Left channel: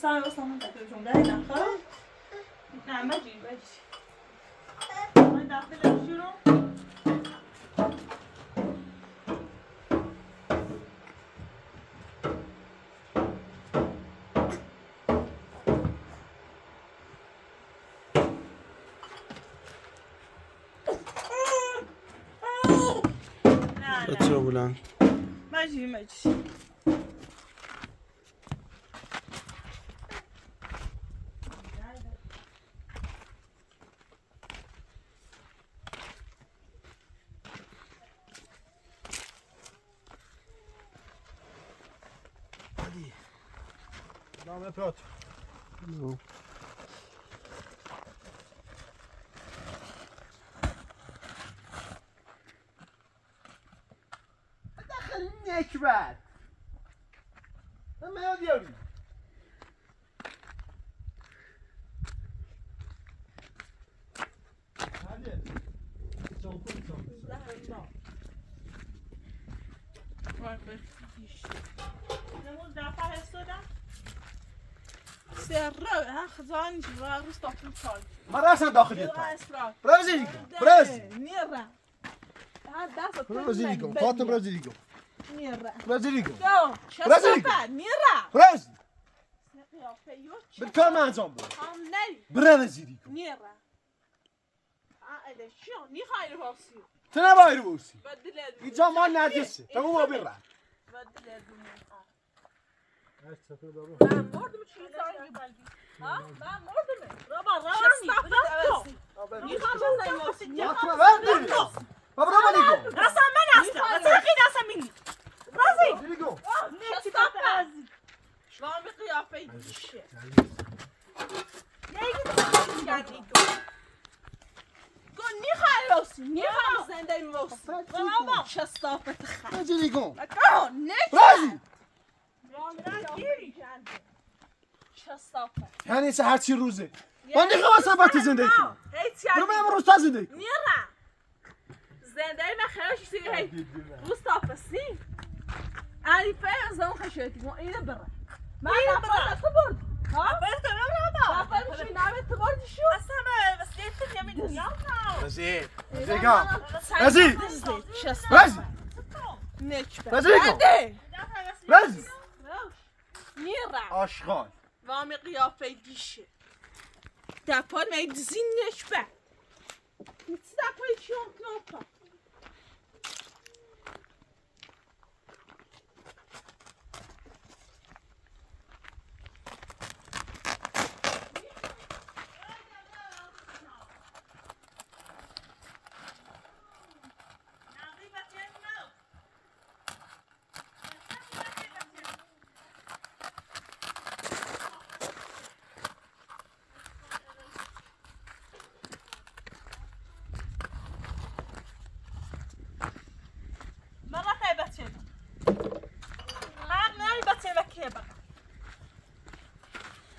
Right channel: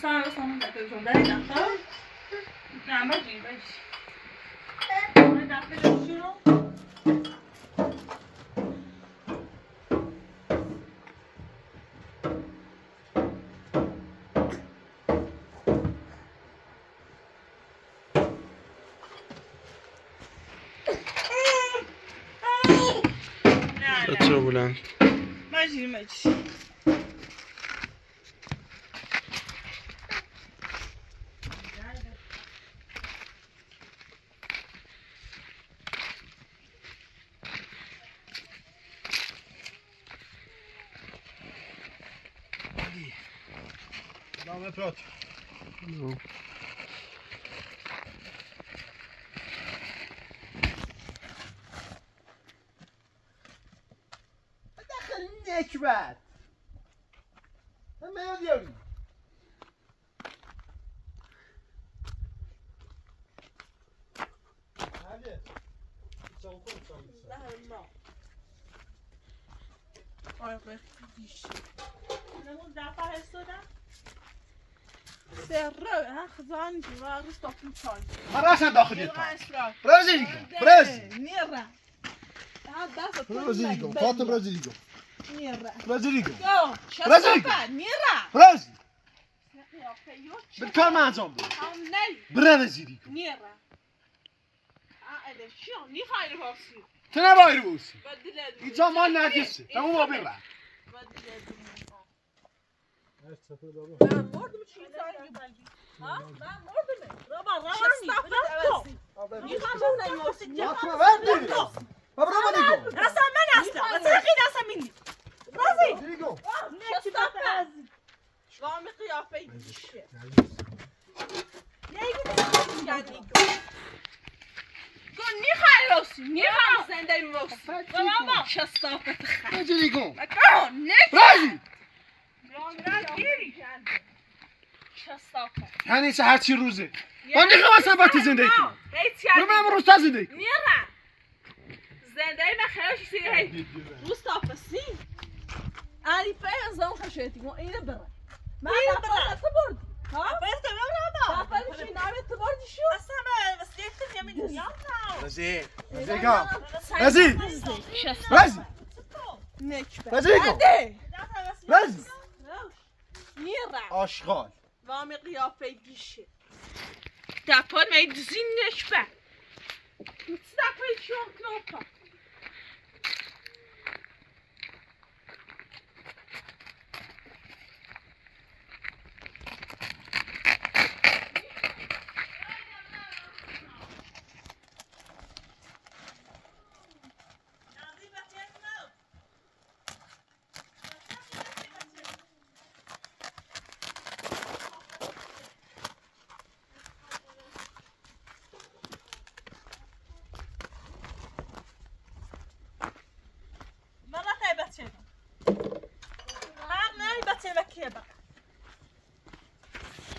Sana da sana da gözündeydi. Ne ama değil be. Ben de yapıyorum. بچه بلند ماجی Dáme prat. No. داخل نکبت من میاد یاری هله چون ما راسا داخل يطلع برازيليكو نيرا برازيليكو فاطمه برازيليكو نيرا برازيليكو يو برازيليكو نيرا برازي بالكار ما انزوم برازيليكو نيرا شو ني خايل بوسي تنا باير بوسي بدل اینجا ما نجسه تمام ما برا من مردم چی زنگ بلدی ها من مردم رابا شستافم میخوام وردي بابا نيجو اصلا من اصلا ترقيد اصلا مني رازي نيجو شستافم شلون قيافه يدشه قول ني خاي روسي ني خاي زنده روسي بابا شستافه نيجي نيجو مكان نك رازي شستافه يعني ساعات شي روزي ما نيجو اصلا بات زنديكو برو ما امر استاذ زنديكو نيرا زنده ما خلاص يصير هي مصطفى سين اني فعلا زون خشيتي مو اين برا ما برا تبرد ها بس تمام برا شي نعمل تبرد شو اصلا بس ليت يمين يلا رازي رازي شستافه رازي نكبه رازيكو رازي نيرا اشغال وامي قيافه دیشه دپار می دزینش به مستقبل شون کنوپا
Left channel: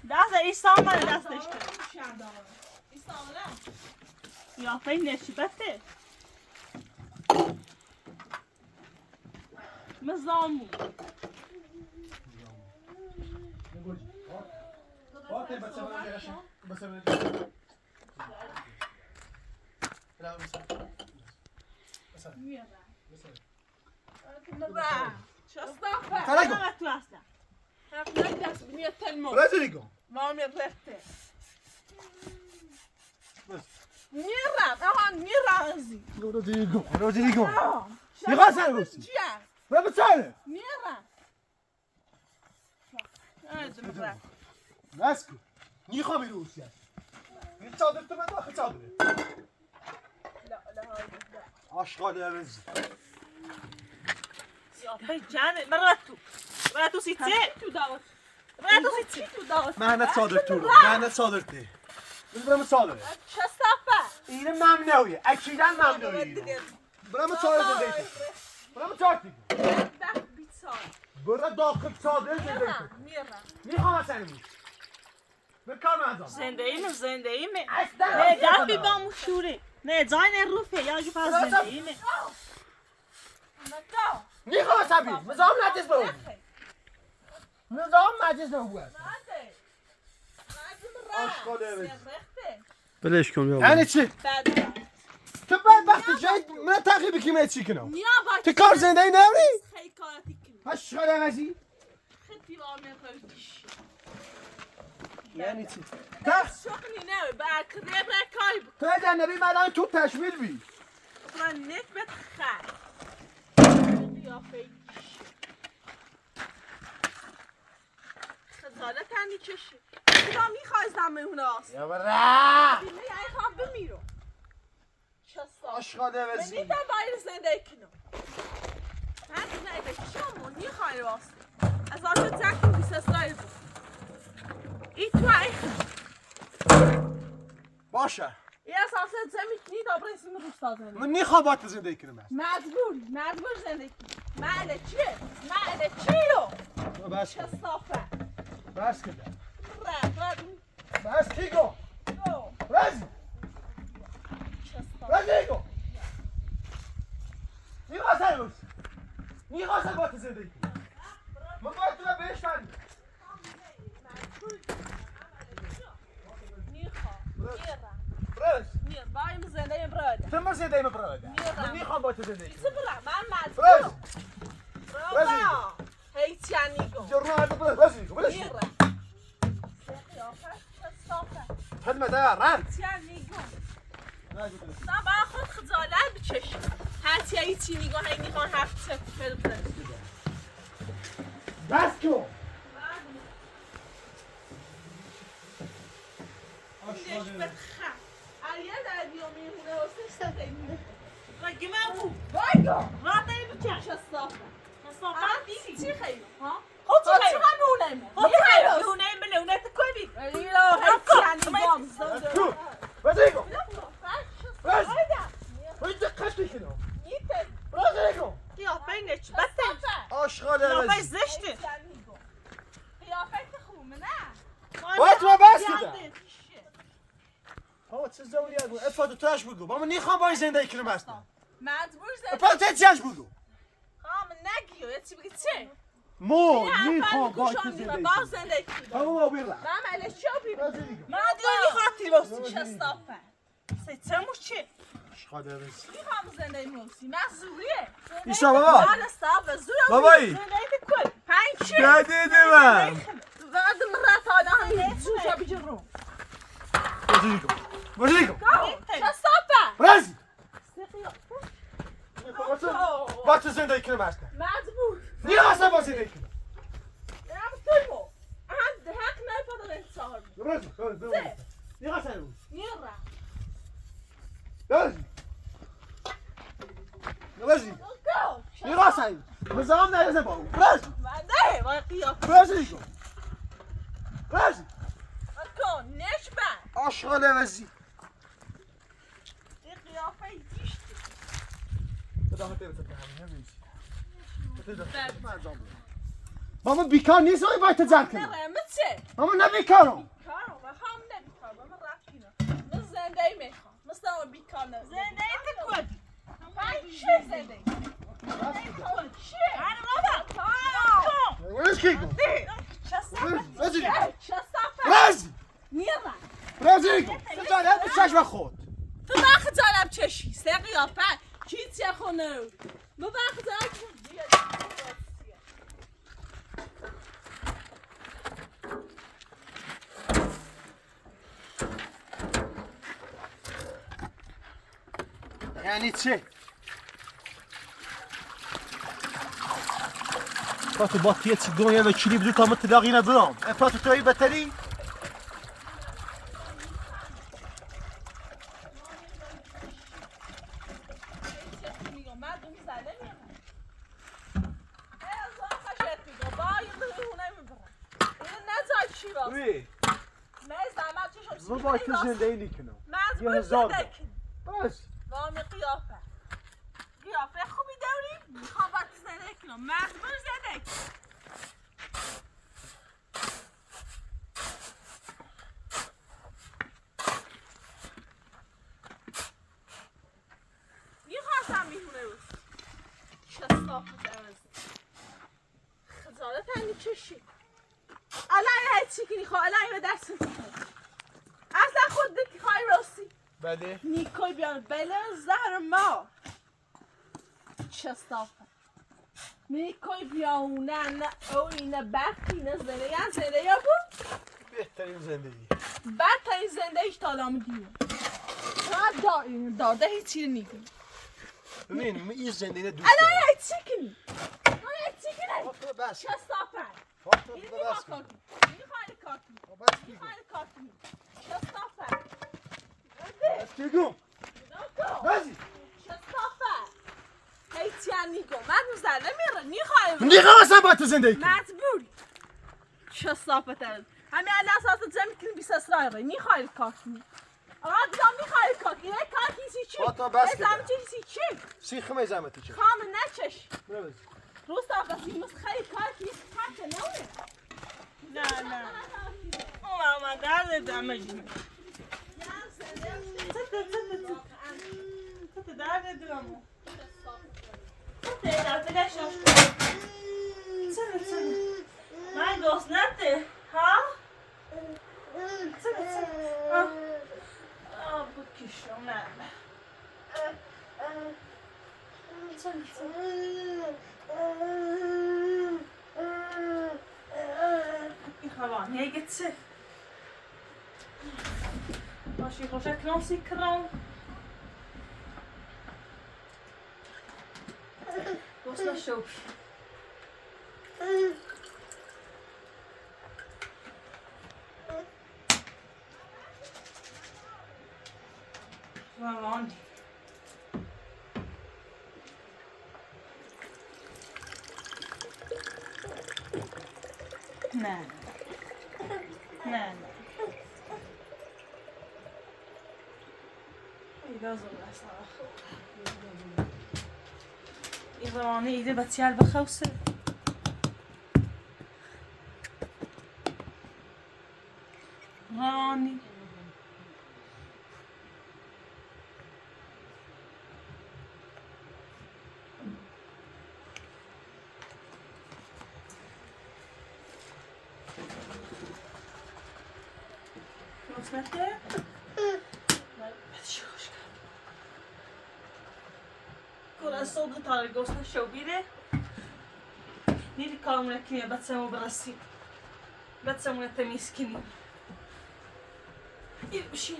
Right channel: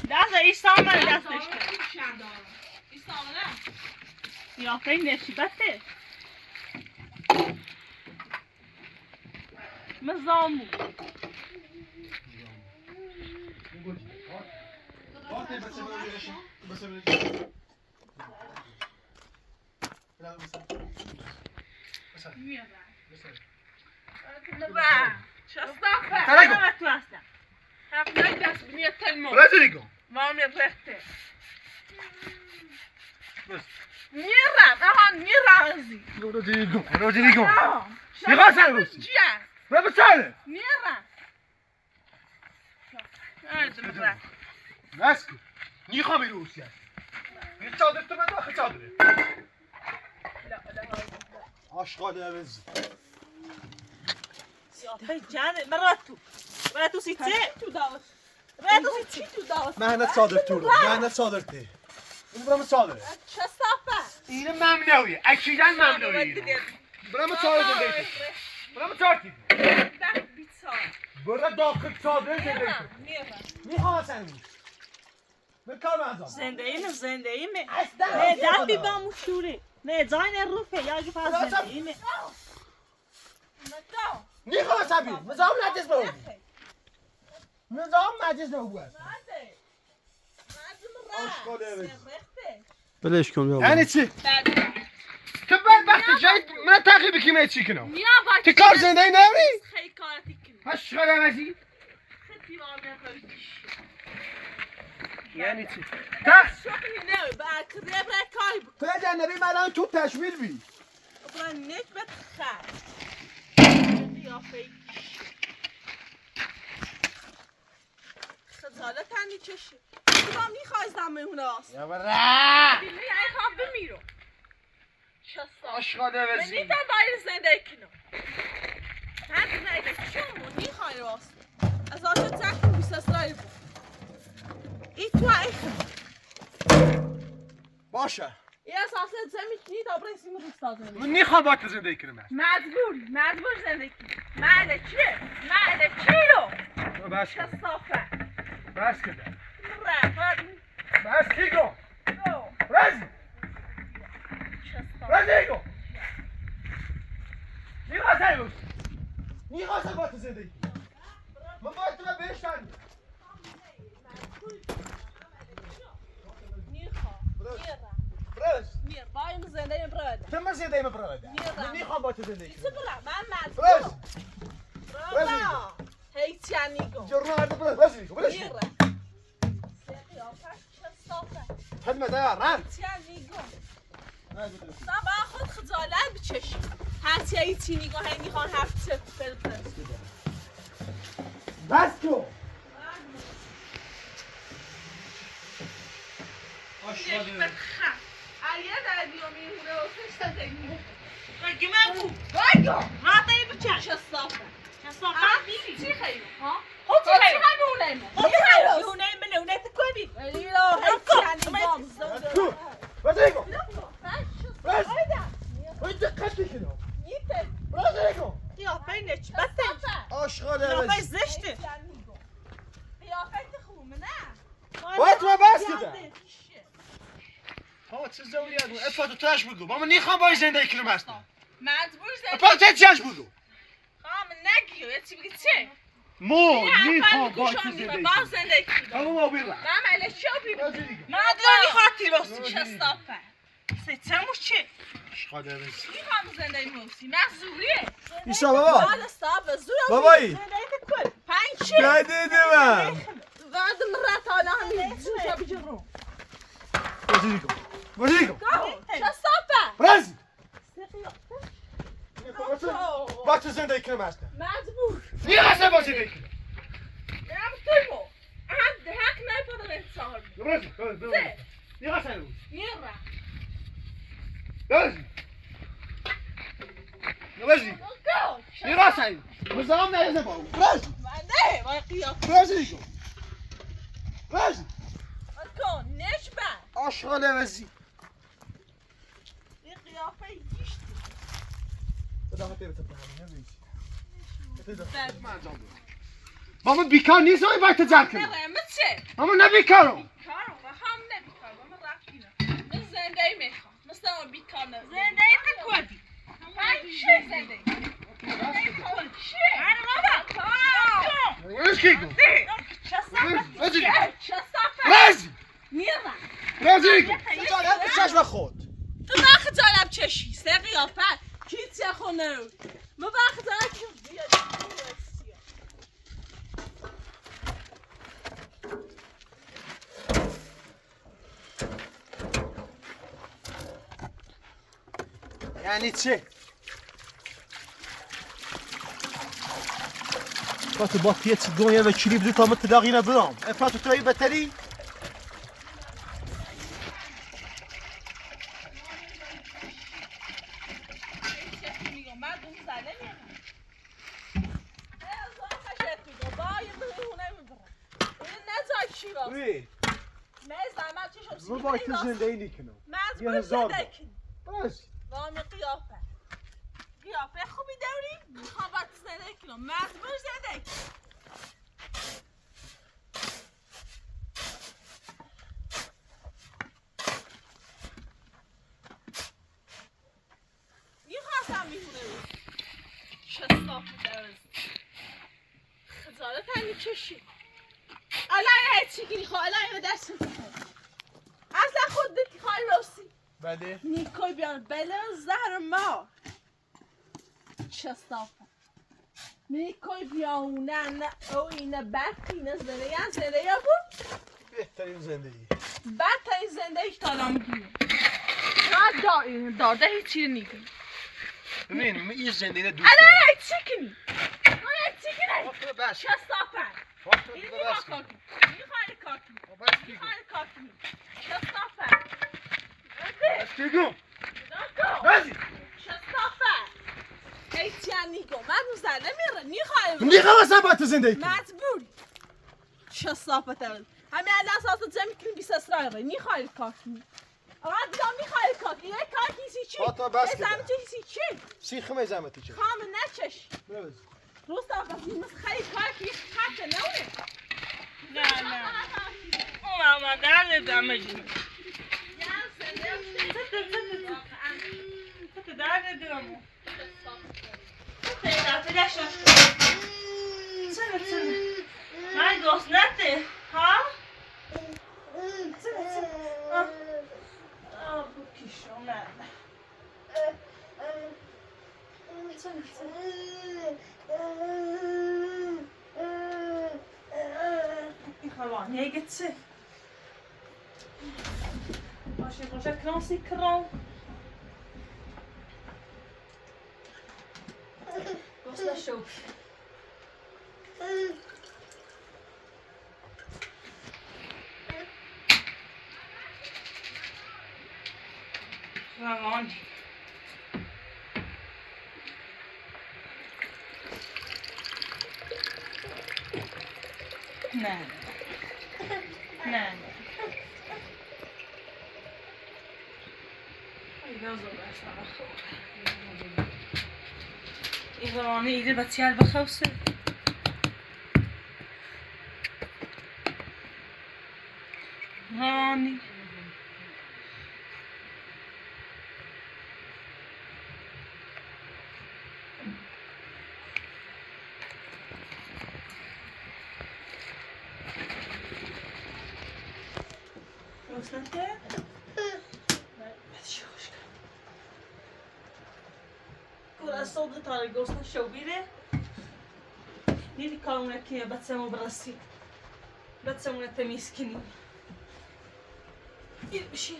دست ایسان من دستش کرد قیافه نشیبته مزامو شستافه تلاقوا. انا متوسع هاك دست بنيه تلمو رازيكو مامي رفته بس نيران اها نيرانزي رازيكو رازيكو يغاس على روسي جيان راه بتسالف نيران هذا مبرا ماسكو ني خامي روسيا يتصادر تما داخل صادري لا هذا لا اشغال يا بنز يا بي جان مراتو سيتي تو داوس مراتو سيتي تو داوس مهنت صادر تورو مهنت صادرتي من برام صادر شستافه اینه ممنوعیه اکیداً ممنوعیه برام صادر زندگی برام چارتی برا داخل صادر زندگی میخوام اصلا من کار مازم زنده ایمه نه دبی با مشوره نه زاین روفه یا جی فاز زنده ایمه میخوام اصلا نظام نجس برو نظام نجس برو آشغاله بزی. بلش کن بیا. یعنی چی؟ تو بدبخت جای من تعقیب کی چی کنم؟ تو کار زنده ای نبری؟ خیلی کارتی کنم. آشغاله بزی. خیلی واقعا خیلی. یعنی چی؟ شوخی نه با کرب کاری تو جنبی من تو تشویل بی. من نک بتخن. قیافه خجالت تنی چشی. تو میخوای زمین هست. یا برا. دیگه ای خواب بمیرو. شستا. آشغاله من بزی. نیدم باید زنده کنم. من دیگه چیو میخوای راست. از آنجا تکون بیست اسرائیل بود. ای تو ای باشه. ای اساسا زمین کی دابره سیم روستا زمین. من نخوام با تو زندگی کنم. مجبور زندگی. ماله چیه؟ ماله چی رو؟ بس کن. شستافه. بس کن. رفت. بس کی گو. گو. رزی. شستافه. رزی گو. نیخواست روز. نیخواست با تو زندگی کنم. من باید تو رو بهش تنیم. برش. میر بایم زنده براده. تو من زندگی براده. من نیخوام با تو زندگی چه کنم. برا من برش. مجبور. برا. هیچ یعنی گو. جرنا هذا برش. برش. میر. شستافه. خدمة ده ران. یعنی گو. من با خود خجالت بچشم. هرچی هیچی نگاه هی میخوان هفت سفر برس. بس کن. علیه در بیامیونه و سشت دنگی مگه من بود باید ما دایی بچه شستافه چی خیلی ها؟ خود چی خیلی؟ خود چی خیلی؟ نونه بنونه تکوی ایلو هیچی یعنی بام تو. رزی گو. برش باید دقت کنم. نیته رزی گو. قیافه نچبته آشغاله قیافه رزی. زشته قیافه خوبه نه باید تو بس کده. ها چه زوری هست؟ افاد توش بگو. با من نیخوام با زندگی کنم هستم. مجبور زدی افاد چیش بگو. خواهم نگیو یه چی بگی چه؟ مو نیخوام با تو زندگی با کنم. زندگی کنم همون ما بیرم. من علیه چی بیرم؟ رزی گو. من داری خاطی باستی شستافه سیتموش چه؟ آشغاله رزی. میخوام زندگی موسی من زوریه ایسا بابا. من استعاب زوره بابایی. زندگی کل پنج چه؟ جدید من. بعد مرات آنها همین زوجا بجرم رزی گو. رزی گو. شستافه رزی. با تو زندگی کنم هستم. مجبور نیخواستم با زندگی کنم. نم توی بو هم حق نپادم انتظار رزی. نیخواستم بود. میرم رزی. رزی. گو نیخواستم. مزام نیازم با اون. رزی. نه وای قیافه رزی گو. رزی. کن نشبن آشغاله رزی. این قیافه گیشتی بده همه تیبه تبه همه نمیشی. ماما بیکار نیست آقای باید تجار کنم. نرم چه؟ ماما نبیکارم. بیکارم و هم نبیکارم من رفتی نه من زنده میخوام مثل اون بیکار نه زنده تو کدی چه زنده؟ چه؟ رزی کی گو. رزی. شستافه رزی. میرم رزی گو. خجالت به چشم خود. تو من خجالم چشی سه قیافه کی چه خونه من خجالم چشی یعنی چه؟ فات باطیه چی گویه و کلیب دو تا متلاقی نبرام. افات توی بتری؟ روی. من باید تو زندگی نیکنم. یه هزار بار. بس. وامی قیافه قیافه خوبی داری؟ میخوام باید زنده کنم مجبور زنده کنم میخواستم میخونه رو شستاف میدارم خجالت هنگی چشی علای هیچی که میخواه علای به دست میخواه دتی خواهی راستی بله نیکوی بیان بله زهر ما چه صافه نیکوی بیانونه نه او اینه برقی نه زنده یا زنده یا بود بهترین زندگی بدترین زندگیش تا الان میگیره نه داده هیچی نگیم ببین من این زندگی دوست الان دارم چی کنی؟ الان چی کنی؟ فاطمه بس چه صافه فاطمه اینو بس میخواه کاکی میخواه کاکی بس بگو میخواه کاکی چه صافه بس بگو نکن بازی چه صافه هیچی نگو من اون زنه میره میخواه نمیخوام اصلا با تو زندگی کنم مجبوری چه صافه ترد همه الان اساس جمع کنی بیس اسرائیل میخواه کاکی آقا دیگه میخوای کاکی یه کاکی سی چی؟ فاطمه بس زمین چی چی؟ سیخ میزمتی چه خام نچش بروز روستا بسی مثل خیلی کاکی خطه نوه نه اون ما درد دمجیم تو درد دمو من گوست نده ها بکشم نه این gewoon nee het ze als je gewoon zegt kransie kraan گوست نشو gewoon nee nee این روانه ایده بتیال بخوصه روانی Osnete? Kura صبح تا گوشت شو بیره نیدی کارمون کنیم بچه‌مو برسیم بچه‌مون تمیز کنیم این بشین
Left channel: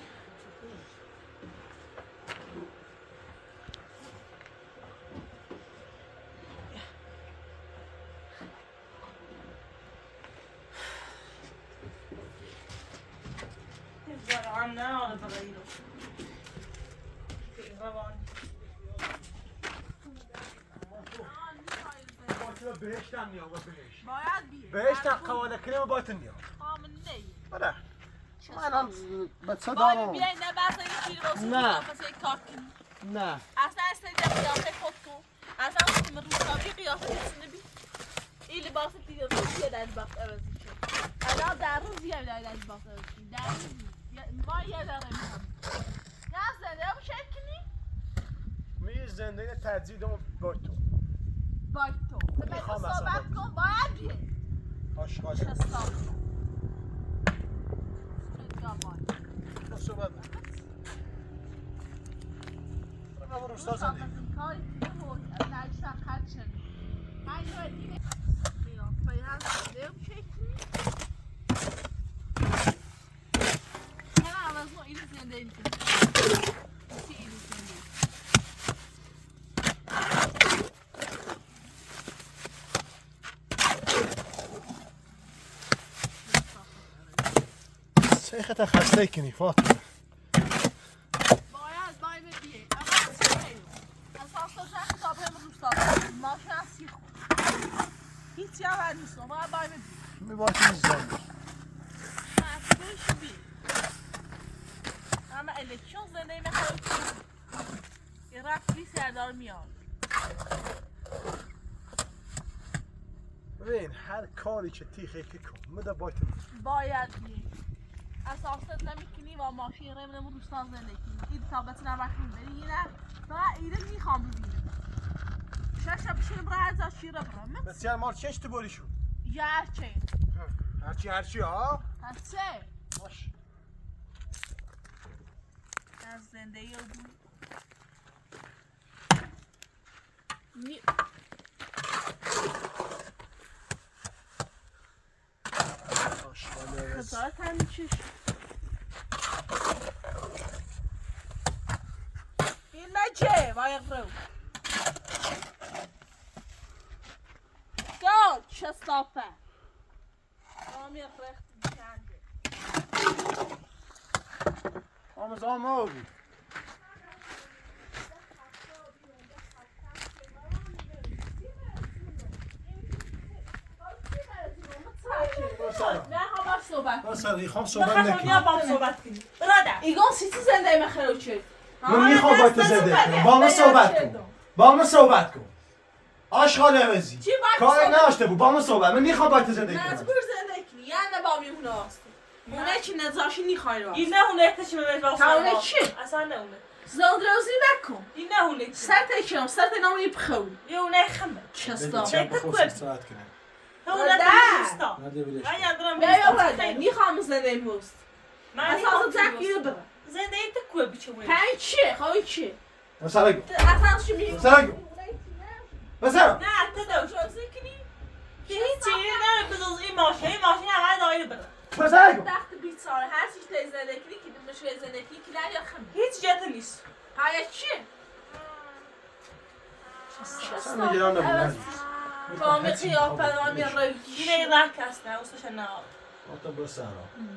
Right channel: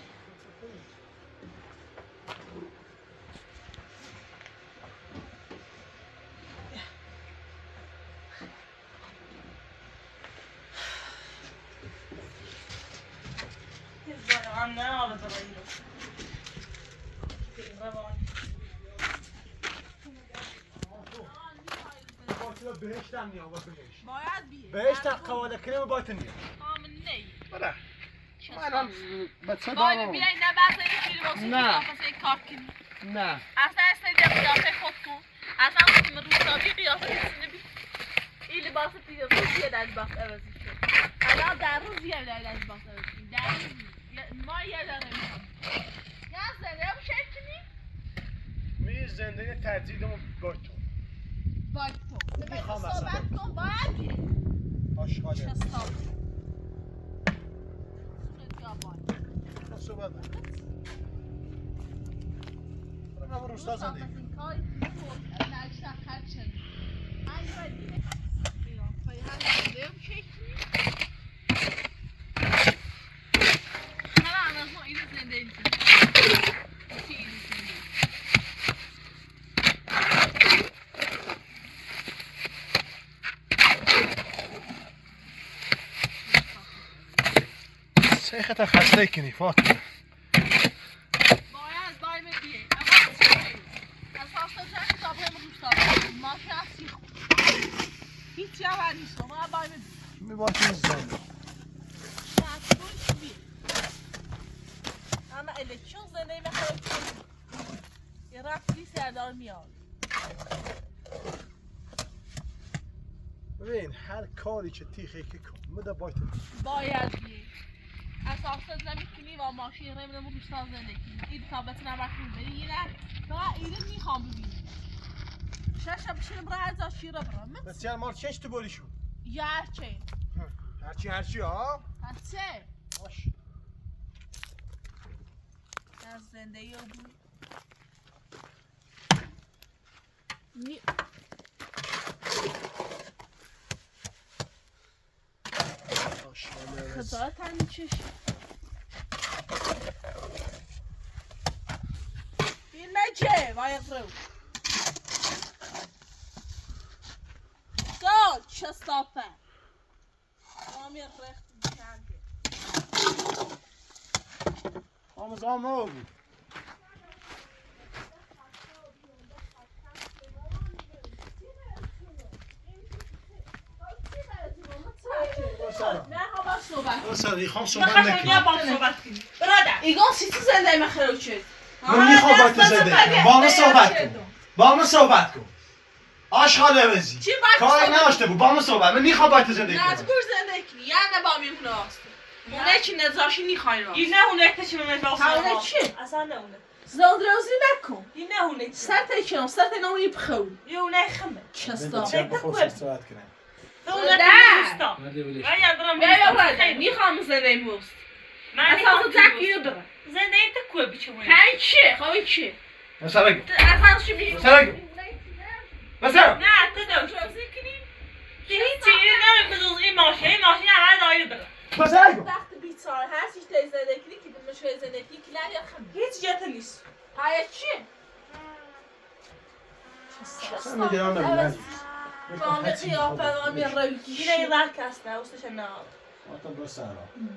هم نه حالا برای رو روانی بهشت هم نیا بهشت باید بیه بهشت قواله کنیم باید نیا خام نی بره من هم بچه باید دارم بیای نه بعضی اینجوری واسه نه. کار کنی نه اصلا استیدم قیافه خود تو اصلا که من روستایی قیافه کسینه بی این لباس دیگه روزیه در لباس عوضی شد اما در روزیه در لباس عوضی در روزی ما یه داره میخوام یا زنده هم شکل کنی می زندگی تجدیدم با تو باید تو میخوام صحبت کن باید بیه آشغاله چه صحبت تو صحبت من روستا زندگی سيختها خسيكني فاطمة هیچی هم نیست ما باید می باید میزنی اما الکشن زنده میخواد یه رفتی سردار میاد ببین هر کاری که تیخه که کن مده باید بیه اساسات نمیکنی و ماشین رمنمون روستا زندگی این تا بتونم رفتیم ببینم و ایده میخوام ببینم شاشه بشینم برای ازش شیر برم بسیار مال چش تو بولیشو یا هرچه هرچی ها هرچه باش از زندگی رو خدا تنی چش این نجه وایق رو گل شستافه آمیر رخت بکنده آموزان ما بود نه همه صحبت خواهم صحبت کنیم برادر ایگان سیتی زنده مخیرو شد من میخوام با تو زنده کنم با من صحبت کن با من صحبت کن آشغال عوضی چی باید کاری صحبت؟ نداشته بود با من صحبت من میخوام با تو زندگی کنم مجبور زنده کنی یعنی با میمونه هست اونه که نزاشی نیخوای راست این نه اونه که چی میمش با اونه چی؟ اصلا نه اونه زلدروزی نکن این نه اونه سر تکنم سر تنام یه بخون یه اونه خمه چستا صحبت کنم اونه ده. دوستا من یادم بیا برده میخوام زنده موست من اصلا تکی رو برم زنده ای تکوه بیچونه پنج چیه؟ خواه چیه؟ مثلا گو اصلا چی میگه؟ مثلا گو مثلا نه تو دوش که هیچی نه بزرز این ماشین همه دایی برم مثلا گو وقت بیچاره هر چیز تایی زنده کنی که مشوی زنده کنی که نه یا خمه هیچ جاته نیست پنج چیه؟ مثلا میگه هم نبود جامعه قیافه نامی روی این این راه کسته اوستش نه آتا برسارا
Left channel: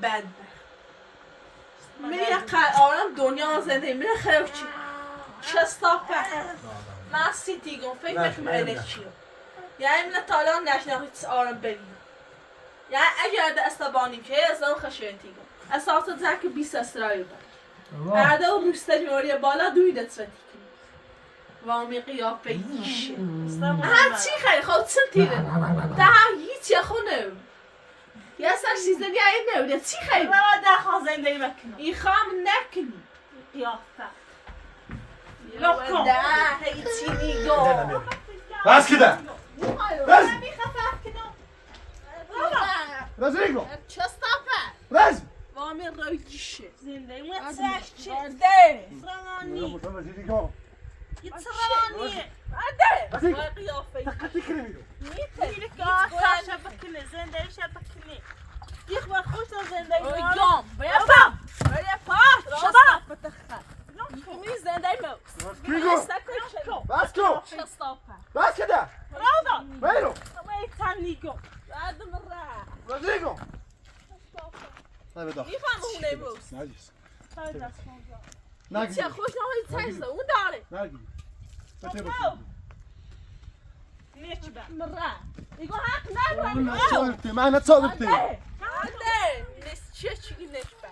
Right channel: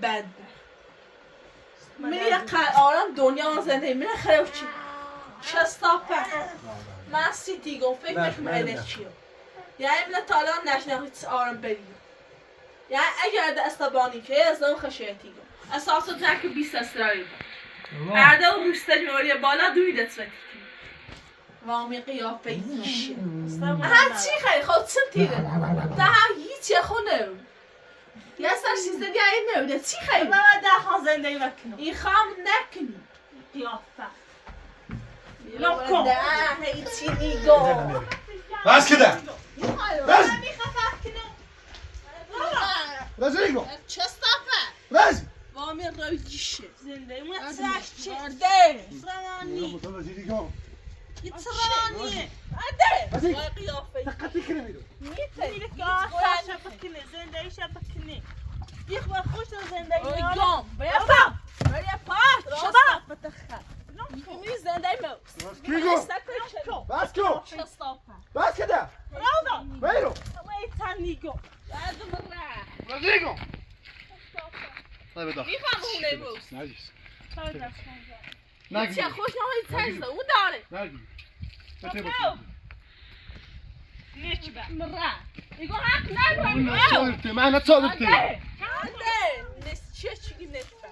بد من یه آرام دنیا زنده من خیلی چی چستافه من سیتی گم فکر نکنم چیه یعنی من تا الان نشنم هیچ آرام بگیم یعنی اگر دست بانی که از اون خشیتی گم اساس تو که 20 استرایی بود بعد اون روسته جوری بالا دوی دست کنی وامی قیافه ایشه هر چی خیلی خود چه تیره ده هیچی خونه یه سر سیزده دیگه این نمیده چی خیلی من ده خواه زنده ای نکنم این خواب نکنی قیافه نکن ده هیچی نیگو بس که ده بس بس ریگو چستافه بس وامی روی گیشه زنده ای من ساش چی؟ برده سرمانی ریگو یه سرمانی برده بس ریگو وای قیافه تقطی کنه میدو میتونی که آسا شبکینه زنده ای شبکینه یک بار خوش زنده ای روی گام بریا پاش چستافه تخت می زنده ای موز کیگو بس کو چستافه بس که ده راودا بیرو همه تنیگو بعد مره بس ریگو میخوام هونه موز نجیس چه نگی خوش نهایی تنزده اون داره نگی بته نیچ با مره ایگو حق نداری صادرتي معنا تصادرتي عندي نسيت شي نشبه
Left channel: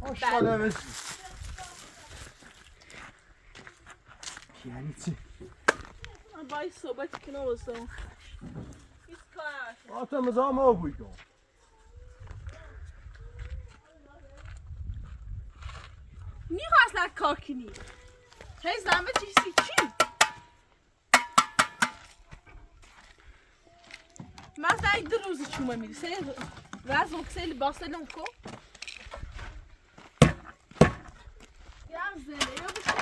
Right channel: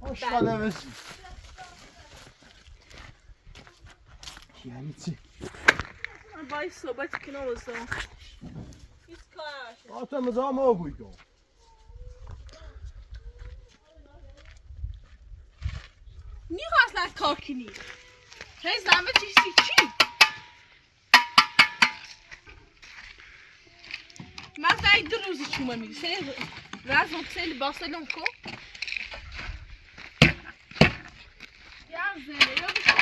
واش انا بس يعني تي باي صوبت كنوزو يسكاش انت مزام ابويكو نيغا اصلا كاكني هي زعما چی ما زي دروزي شو مامي سي لازم تسالي باسلونكو يا زين يا بشي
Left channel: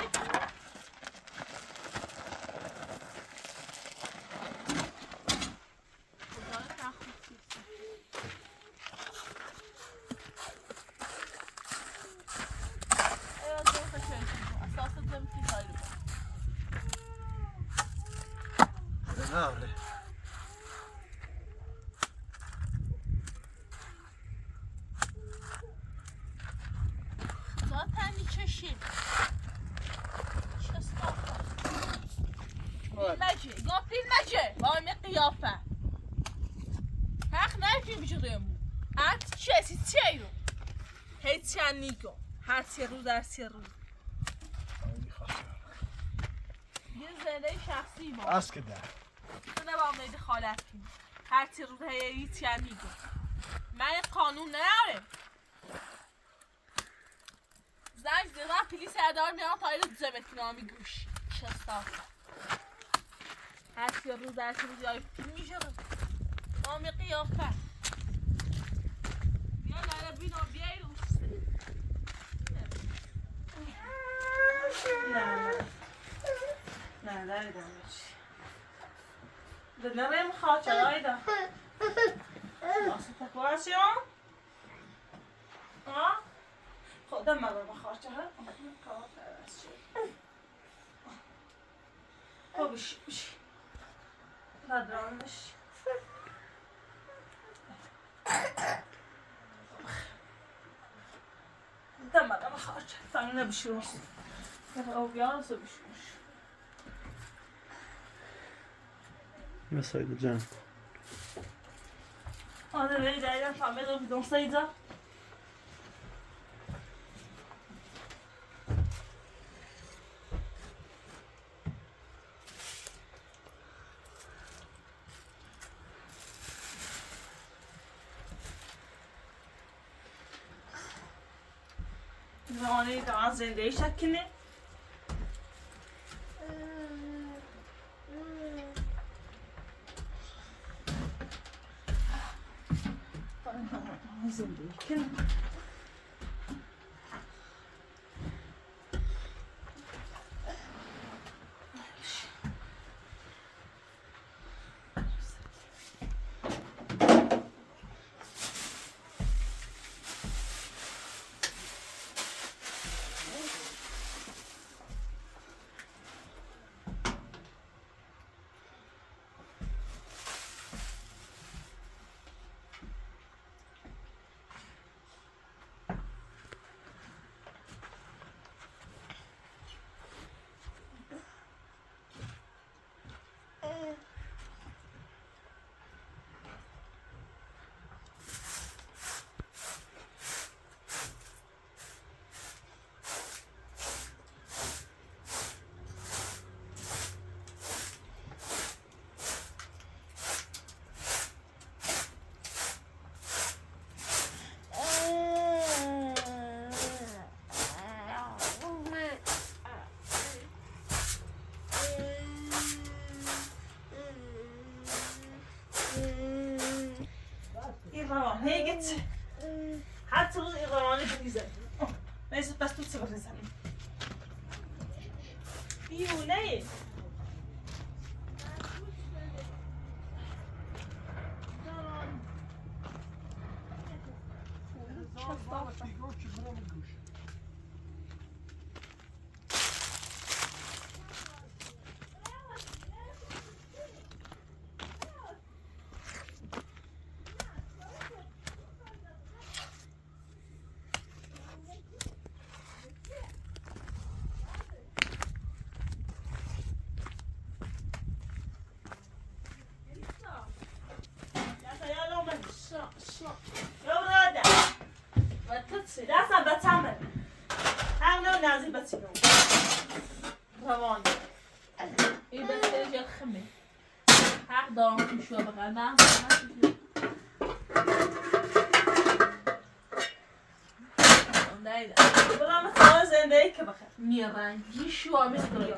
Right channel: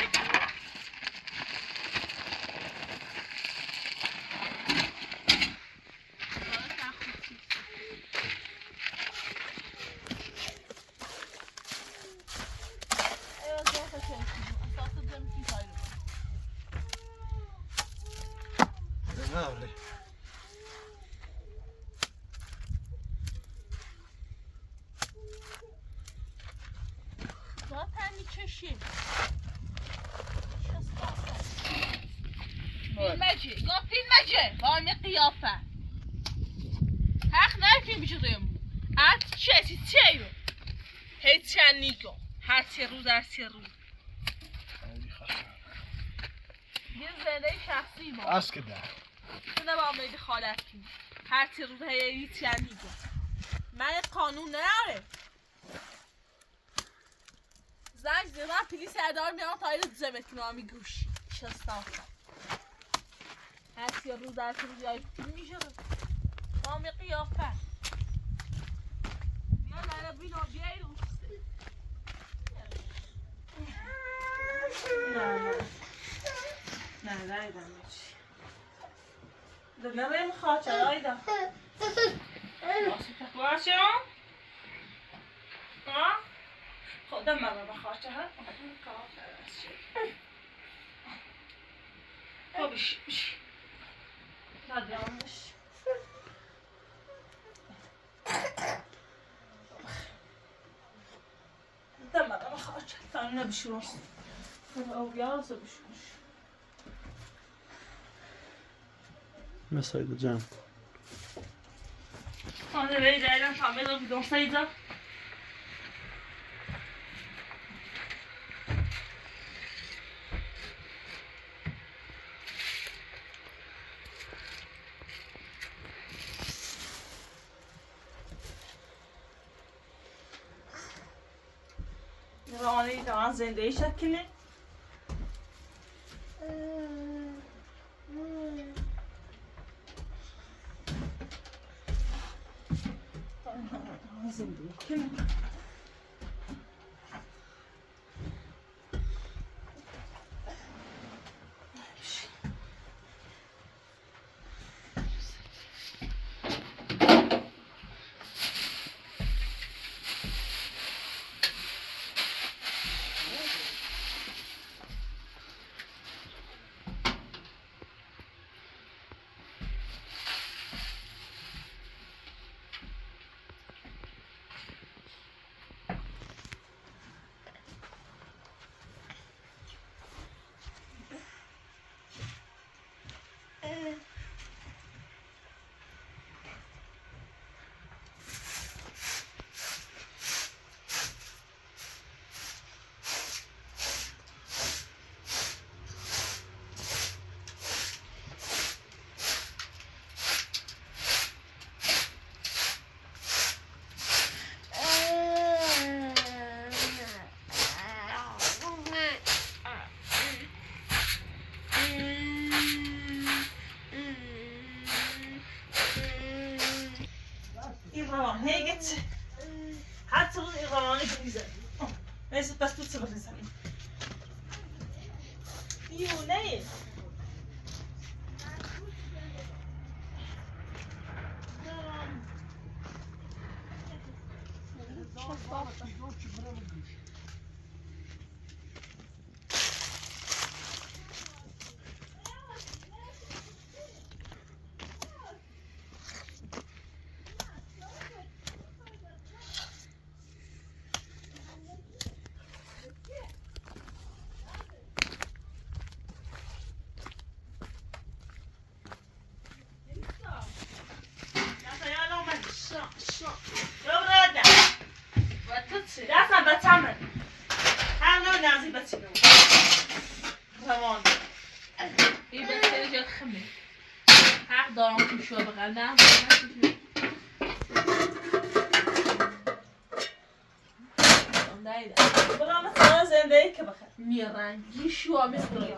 وای قیافه حق نکنی بجرم ات چی چیو هیچ نیگو هر سه روز در سه روز یه زنده شخصی با از که ده نه با امید خالت کنی هر سه روز هیچ نیگو من قانون نره زنگ زیرا پلیس ادار میان تا ایرو زمت نامی گوش شستافه هر سه روز در سه روز یای میشه نامی قیافه یا لره بینا بیای روسته نه ده نریم خواهد آیدا باسه تکواشم خودم مرا بخواهد بشی ندارمش دم مرا بخواهد تانو نبشروش او بیانسو بشروش مسایل جمع Hadi beyler kamera bir donsaydı. Zamanı tamam zende şeklini. Zindeyken هي جت حتى الإغراني بالنسبة ما يصير بس تصير بالنسبة يوناي لازم بتعمل حاولوا نازي بتسيبوا رمان إيه بس ترجع الخمر هقدر شو بغنى برا مثلا زندگی که بخیر میرنگی شو میخوری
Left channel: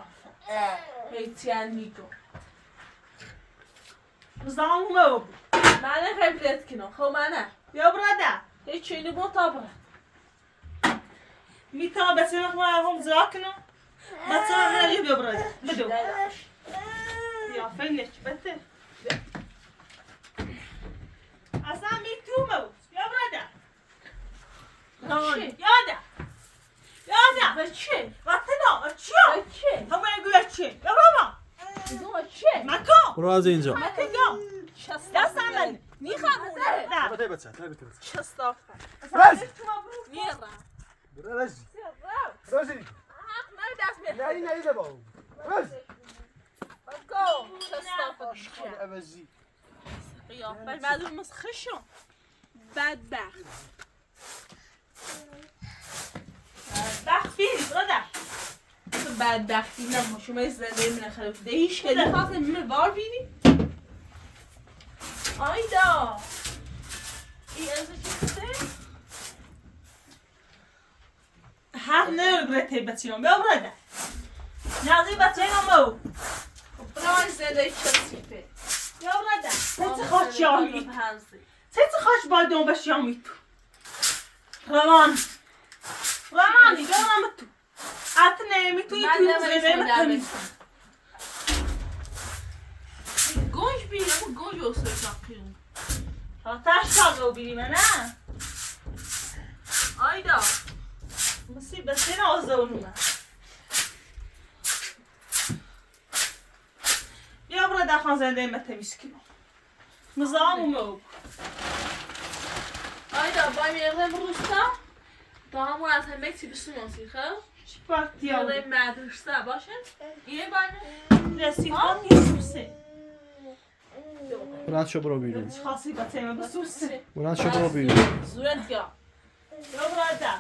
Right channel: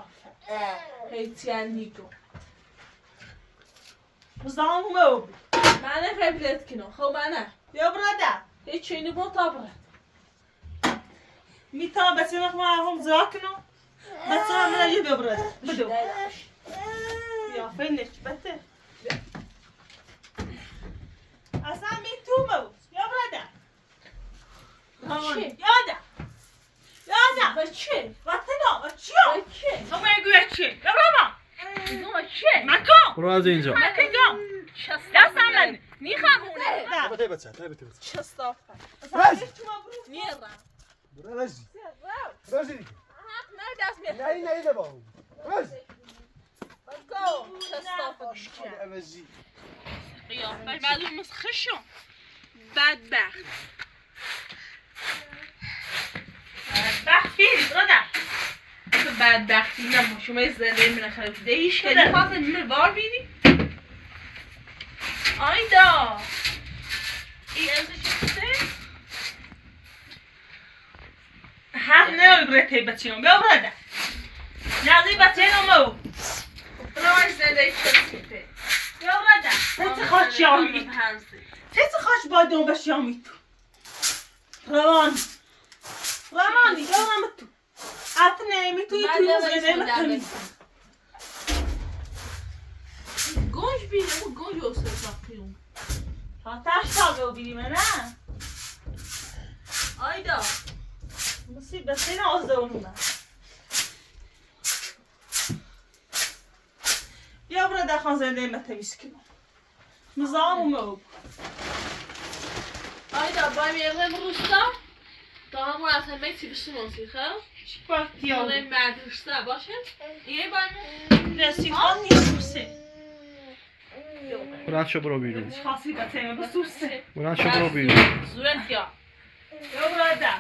هیتیانیکو مزدان مو من قبلت کنم خب من یا برادا هیچ چیزی با تابره میتونم بسیار هم زاکنم بسیار من یا برادا بدو یا فینش بده اصلا میتونم یا برادا یادا بچه وقتی نه چیو بچه همه گویا چی یا برام میگم بچه مکان برو از اینجا مکان دستم من میخوامونه نه بده بچه بده بچه چستافه راجی میرم راجی رو راجی حق نه دست نه میرم نه ده باو راجی بگو چستافه دیگه اوزی قیافه معلوم مسخشم بدبخت بخفی برادا تو بدبختی نبا شما زنده من خراب ده هیچ کلی خواست من بار بینی آیدا ای از چیسته هر نه برته بچیام بیا برادا نازی بچینو مو برای زنده چیسته بیا برادا چه خواهد شامی چه خواهد باید بشیامی تو روانی بیا تو حتی نمیتونی من توی نمی‌تونم زنده درس. گوش بیر اما گوش اصلا قیوم. تاش تاقه بیریم نه؟ آیدا مصیبه سین آزدونومه بیا برا دخان زنده ما تمیز کنم نظام اومد آیدا باید میگم روستا تا همون از همه چی بشناسی خب؟ چی وقتی ها برای مدرسه باشه؟ یه باید رسیخان نیست بلند شو برو بیرون. خاصی با تیمه بسوسه بلند شو برو بیرون. زورت یا بیا برا ده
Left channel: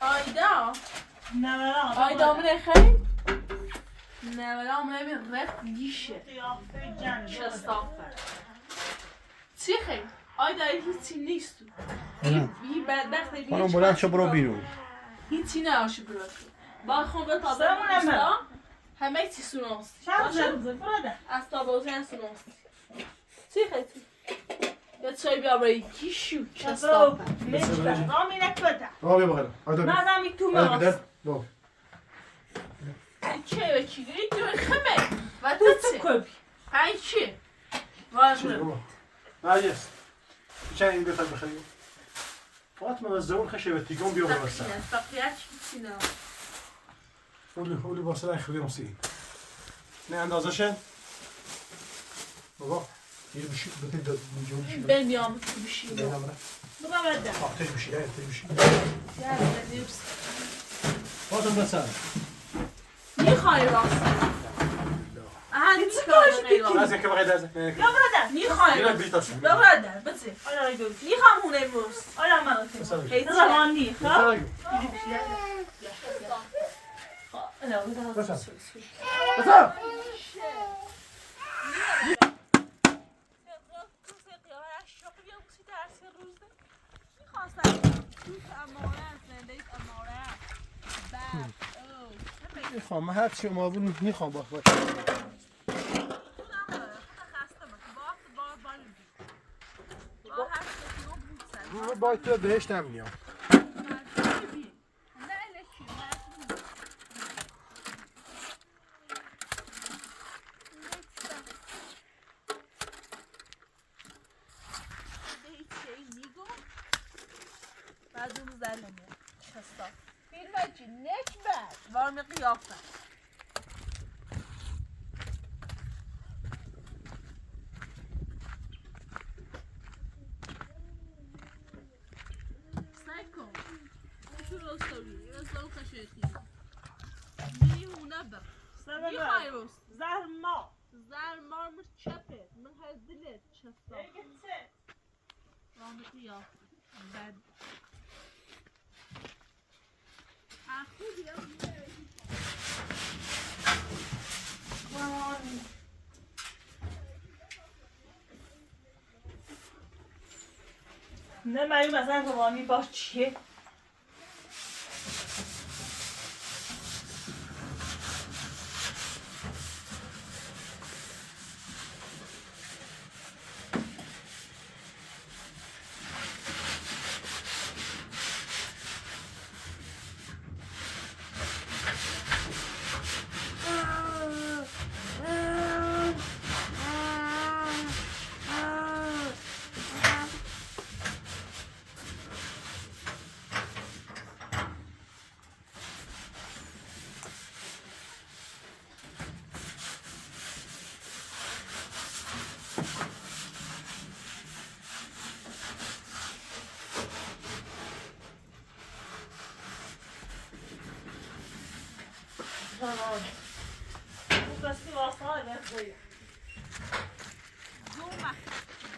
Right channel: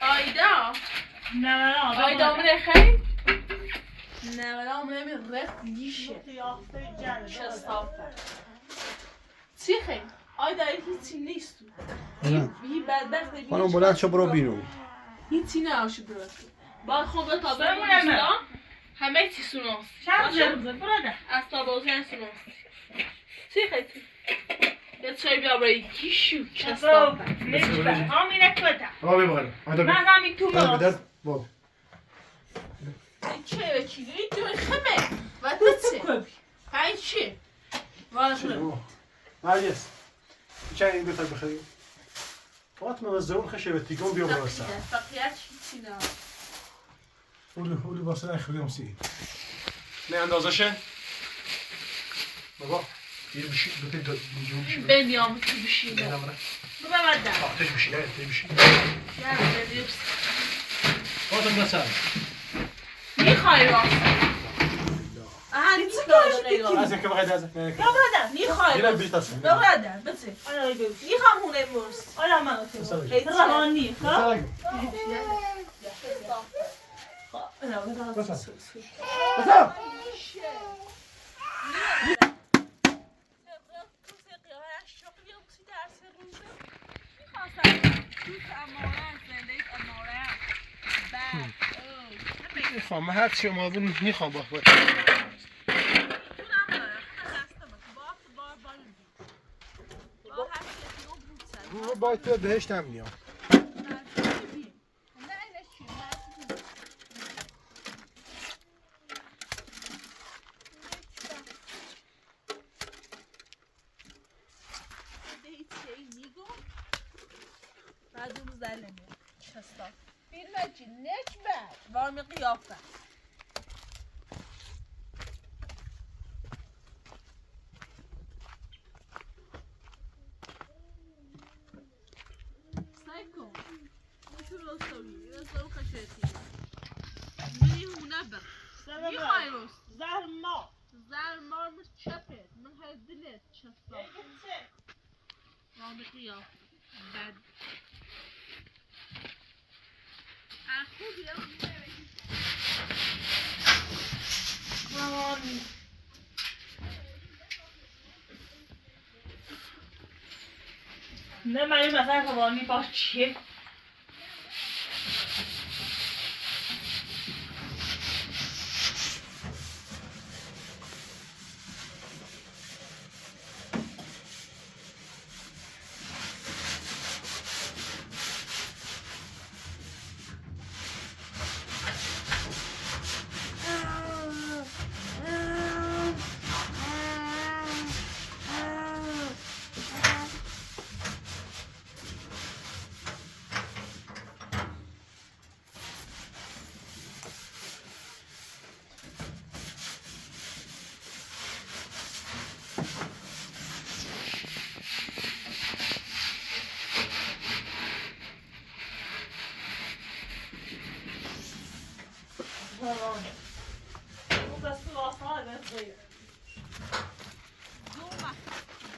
آیدا نه آیدا من خیلی نه ولی من رفت دیشه شستافه چی خیلی؟ آیدا هیچی نیست تو هی بدبخت خانم بلند شو برو بیرون. هیچی نباشه برات با خوب تا برم همه چی سوناست چند روزه برا ده از تا بازن سوناست چی خیلی؟ یه چای بیا برای کیشو شستافه نجبه آمینه کده آبی بخیر. آیدا بی. من همی تو آیدا ماست بیدر. باب. چه به چی داری تو خمه و تو چه؟ پنج چه؟ چی بابا؟ نرجس. چه این بیت بخیر. فاطمه وزون خشه به تیگون بیا برو سر. فقیت چی نه هولی واسه اخریم سی. نه اندازشه. بابا. دیر بشی بتید میجون بشی. بمیام تو بشینه نه نمره. برو بده آتش بشی نه تری بشی. نه بدیبس فاطمه سر. میخوای راست چی کارش بیتی؟ از که بخیر از. بیا برا ده میخوای دیره راست بیت است. برو ده بچه آیا بیا میخوام هونه موست آیا من تو بسم هیچ روانی خب بسم. بسم. میخوام هر چی ما بون میخوام با خود با تو بهش نمیام وارم قیافه سیکن نشو راستوی راستو خشیتی میری هونه بر میخوای راست زهر ما زر مار چپه من هر دلت چستا وارم قیافه بد اخو بیا نه مایی مثلا روانی باش چیه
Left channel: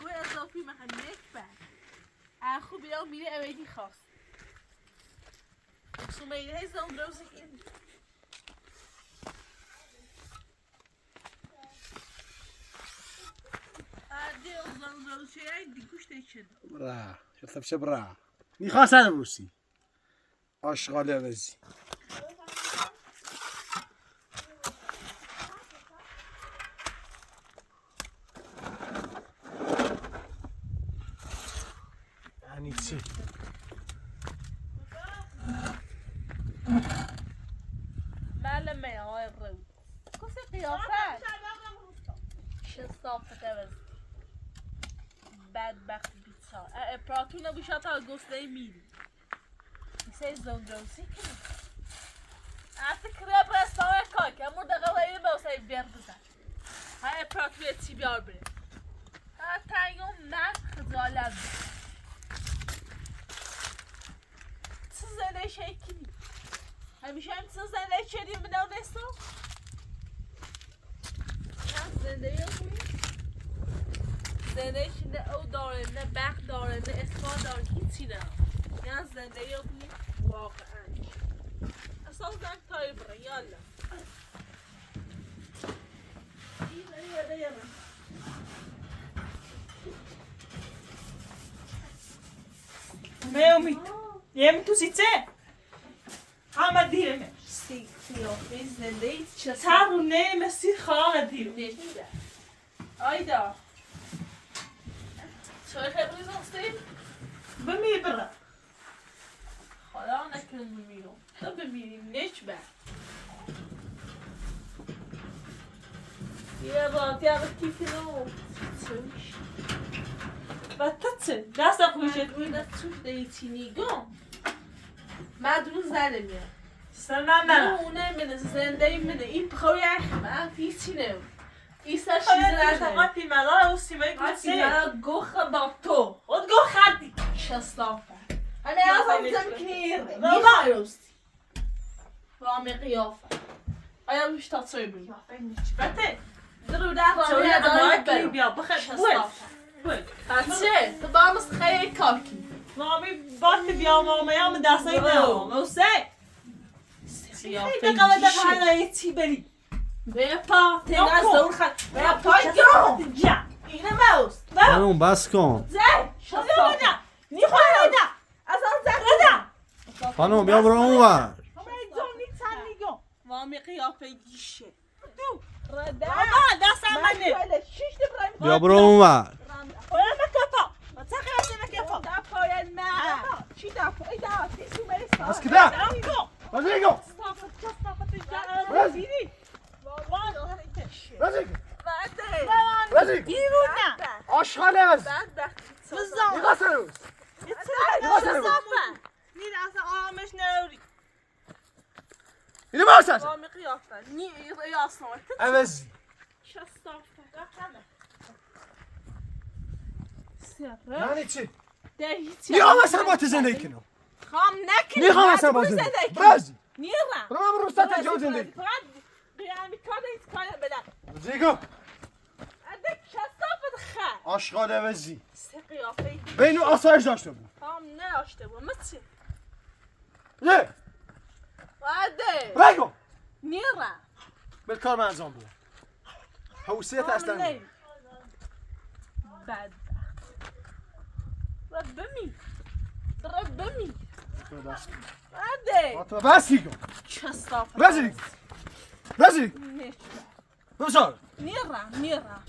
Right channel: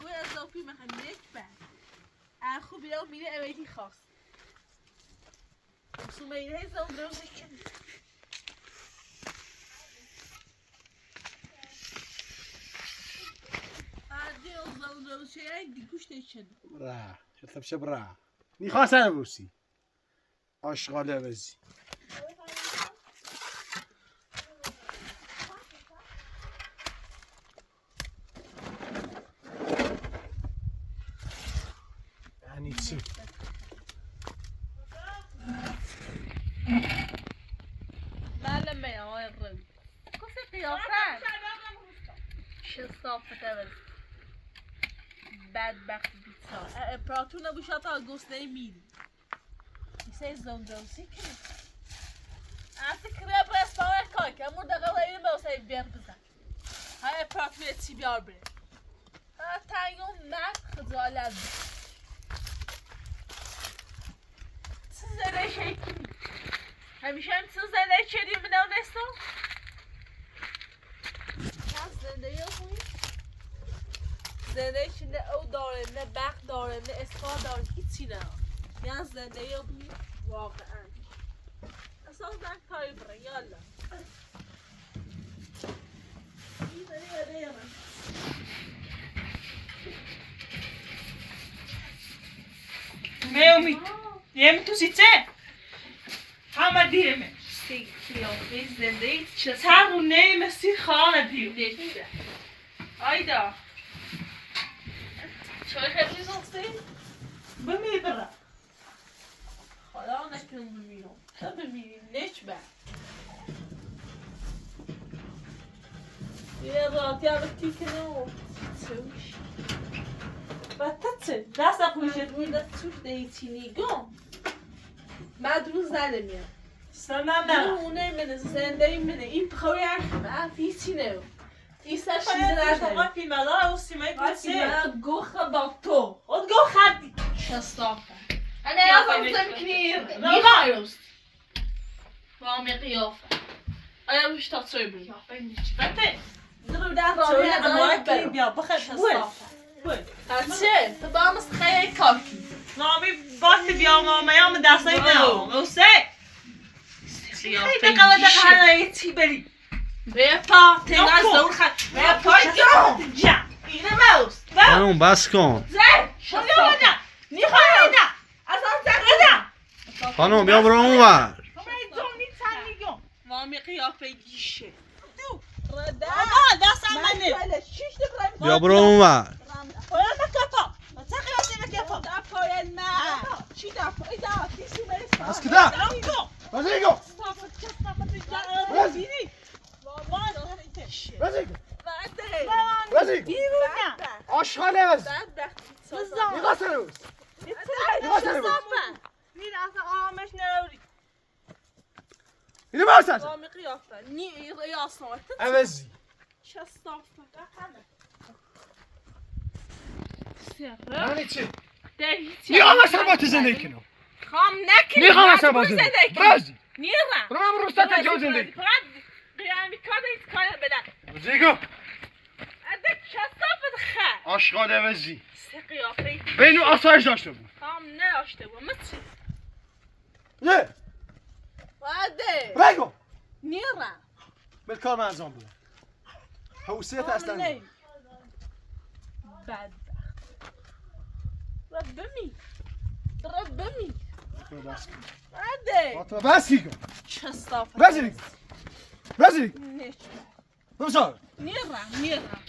دو اضافی محل نکبر اخو بیا میره اویدی خواست سومیده هستم دروزه کنی اگه ازم دروزه های دیگوش دیچن برا شفت بشه برا میخواستن بوسی آشغاله بزی یعنی چی؟ معلمه آقای روی کسی قیافه چه صافته بز بدبخت بیتار اپراتون بوشا تا گسته میری ایسه زندروسی کنی افتی کرب رستاوه کاک امور دقیقه اینه باوسه بیار بزن های اپراتوی چی بیار بره تایون مرد خجالت چه زنه شیکی همیشه هم چه زنه چریم بدون دستو زنده یا خوی زنده چینه او داره نه بخت داره نه اصفا داره هیچی نه یا زنده یا خوی واقعا اساس زنگ تایی برن یالا میومی یم تو سیچه همه دیرمه سی قیافه زنده ای چه تابو نیم سی خانه دیر نشته آیدا چای خیلی زاسته بمی برا خدا نکن بمیرم تا بمیریم نچ بر یه راتی عقل کنم چوش بطه دست خوشت روی دست چوش دیتی نیگم مدرون زنه میاد سلام نه اونه منه زنده منه این بخوای اخمه هیچی نو ایسا شیزه شیزه نده نشده پیمالا و سیمایی وقتی کنسه من گوخ با تو خود گو خردی شستافه انا يا تمكنير نيغايوست رامي قيافة انا مش تصيبي بطه درو ده سوی رامي اموال ده کلی بیا بخیر شستافه بول بچه تو با مست خیلی کاکی نامی بات بیا مامیام دستای واو. نه موسه خیلی قیافه قلد بیشه قلعه چی بری بیا پا تنگ از نکن. دور خد بیا پای گرم جا اینه موست خانم بس کن زن شستافه شستافه نیخواه نه از آن زن خانم بیا برو اونور همه زونی تن میگم رامي قیافه گیشه دو رده بابا دست منه شیش دفعه بیا برو اونور باید مکفا بچه خیلی مکفا دفعه ما چی دفعه ایدا کسی مرسا از که ده؟ سلام کو رزیگو! صافت چه صافت برز. رزیدی رزیگو! بعده رزیگو! بیرون آشغال عوض! بعد نیگاه سروس! نیگاه سروس! نیر اصلا آمش نروری اینو باز هست! رامي قیافه نی ریاست عوضی! چه صافه یعنی چی؟ هیچی نیگاه مثلا با تو زندگی کنم! خام نکنی نیگاه مثلا با زندگی برزی! نیرم برو من روستا تجاوز زندگی فقط قیامی کار هیچ کار بدن رزیگو! اده چه صافه خه آشغال عوضی! سه قیافه بینو آسایش داشته بود! خام نداشته بود مچی نه! بعده رزیگو! نیرم بالکار من انجام بده! حوصیت اصلا نه! بدبخت ربمی ربمی بس کن! بعده فاطمه بس کن! چه صافه رزیگو! رزیگو! نشته بسار! نیرم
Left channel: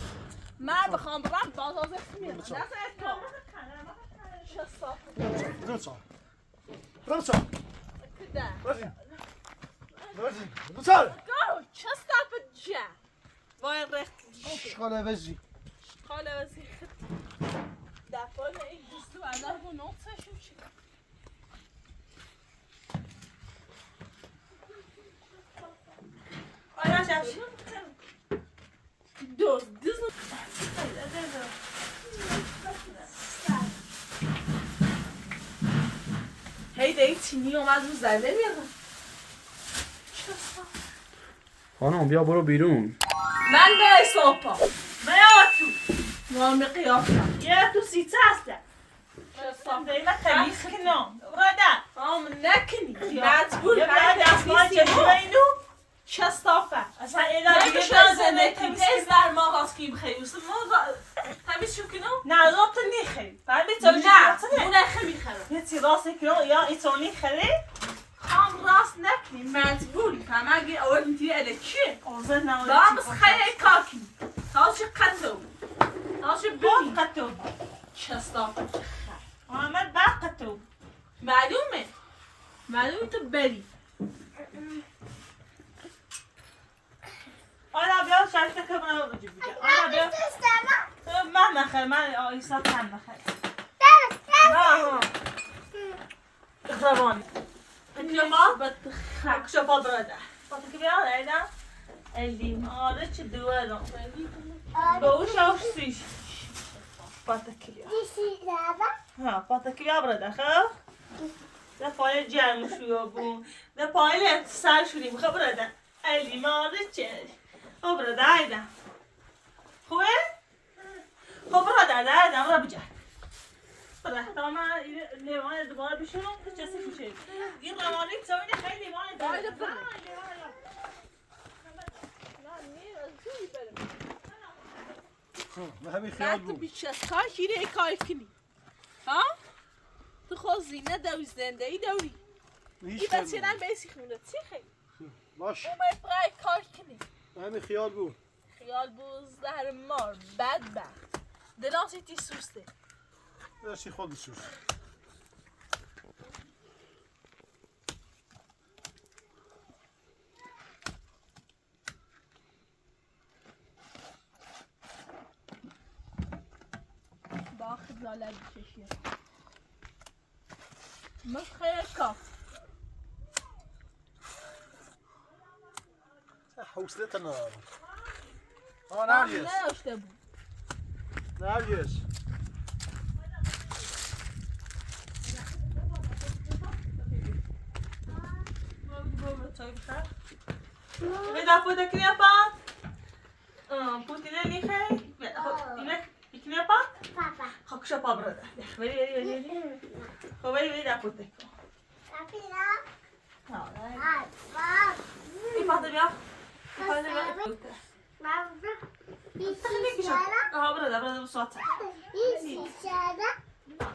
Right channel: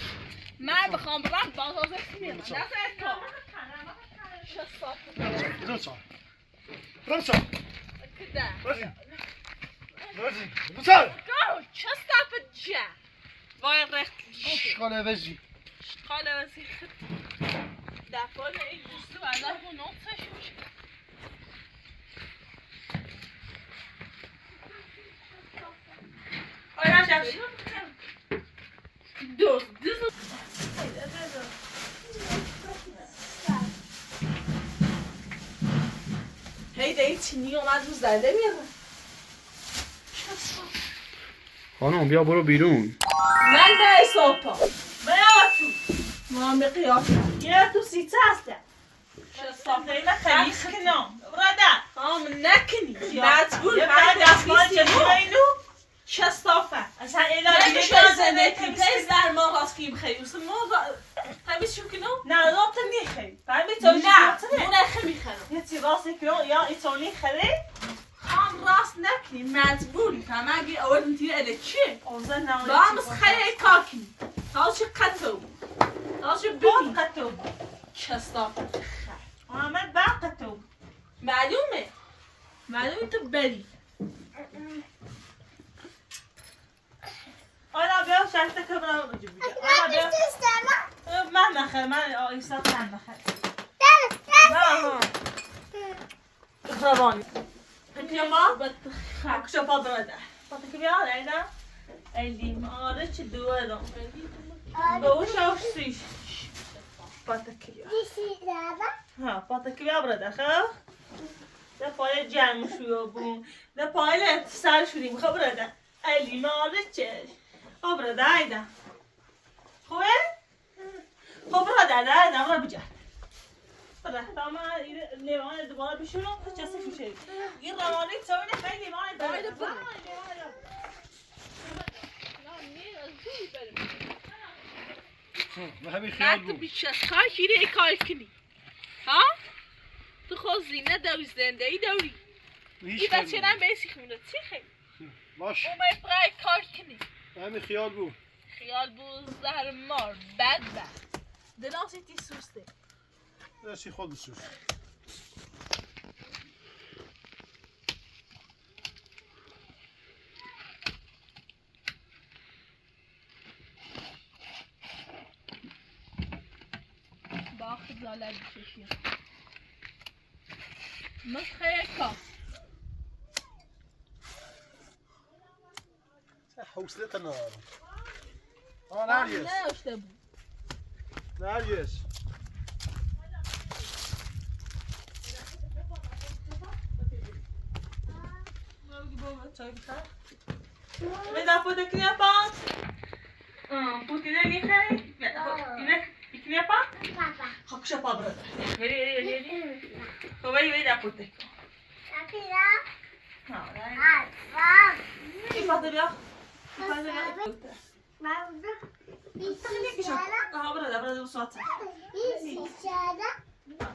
من بخوام برم بازازه میرم نزد تو چه صافه زود سال! رمسا! کده رزیگو! رزیگو! بسار! گاو چه صافه جه وای رخت آشغال عوضی! حالا واسه دفعه این دوستو الان رو نوتش میشه آیا شبشی دوز هی دی چینی اومد رو زده بیارم خانم بیا برو بیرون من به سوپا میام تو رامي قیافه یه تو سیچه هسته صافه خیلی کنم رده خام نکنی مجبور یه برای دستمال چشمه اینو چه صافه اصلا اینا نه دیگه که کار شازده زنده پیپس در ما راست فیلم خیلی واسه ما همه شو کنم نه روبت نیخی فهمی تو نه چیزی اون خیلی میخرم یه چی راست کنم یا ایتونی خیلی خام راست نکنی مجبوری فهم اگه اول میتونی اله چیه اوزه نوری دامس خیلی کاکی تاش قطو تاش بود ببین قطو چه صافه محمد بس معلومه تو بری. آیدا بیا شرطه که برم رو جیب بگه. آیدا بیا. من نخیر من آیسا کن نخیر. نه ها. روانی. بیا ما. کشا پا براده. پا تکی بیا آیدا. الیماره چه دوه رو. به او شاوش سیش. پا تکی بیا. ها پا تکی بیا براده خب. ده پای جمع شو بون. ده پای سر شدیم خب براده. الیماره چه. خب براده آیدا. خوبه؟ خب براده آیدا برا بجه. براده تا من لیوان دوباره بشورم که چسی کشه. این روانی تاوینه خیلی لیوان دایده بره. ما همین خیال تو بود. بیش از کار شیره کار کنی. ها؟ تو خود زینه دوی زنده ای دوری. این بچه هم بیسی خونه چی خیلی؟ باش. اومد برای کار کنی. همین خیال بود. خیال بود زهر مار بد دلاسی تی سوسته. درستی خود بسوز. با خجالت بکشیم. مسخره کاف. حوصلت ندارم. نرگس. نداشته بود. نرگس. Veda puta knepa. Putina lihe. Inek knepa. Hakşa pa brada. Veri. Veri puta. Ha. İfade ya. İfade ya. Ha brada bu saat.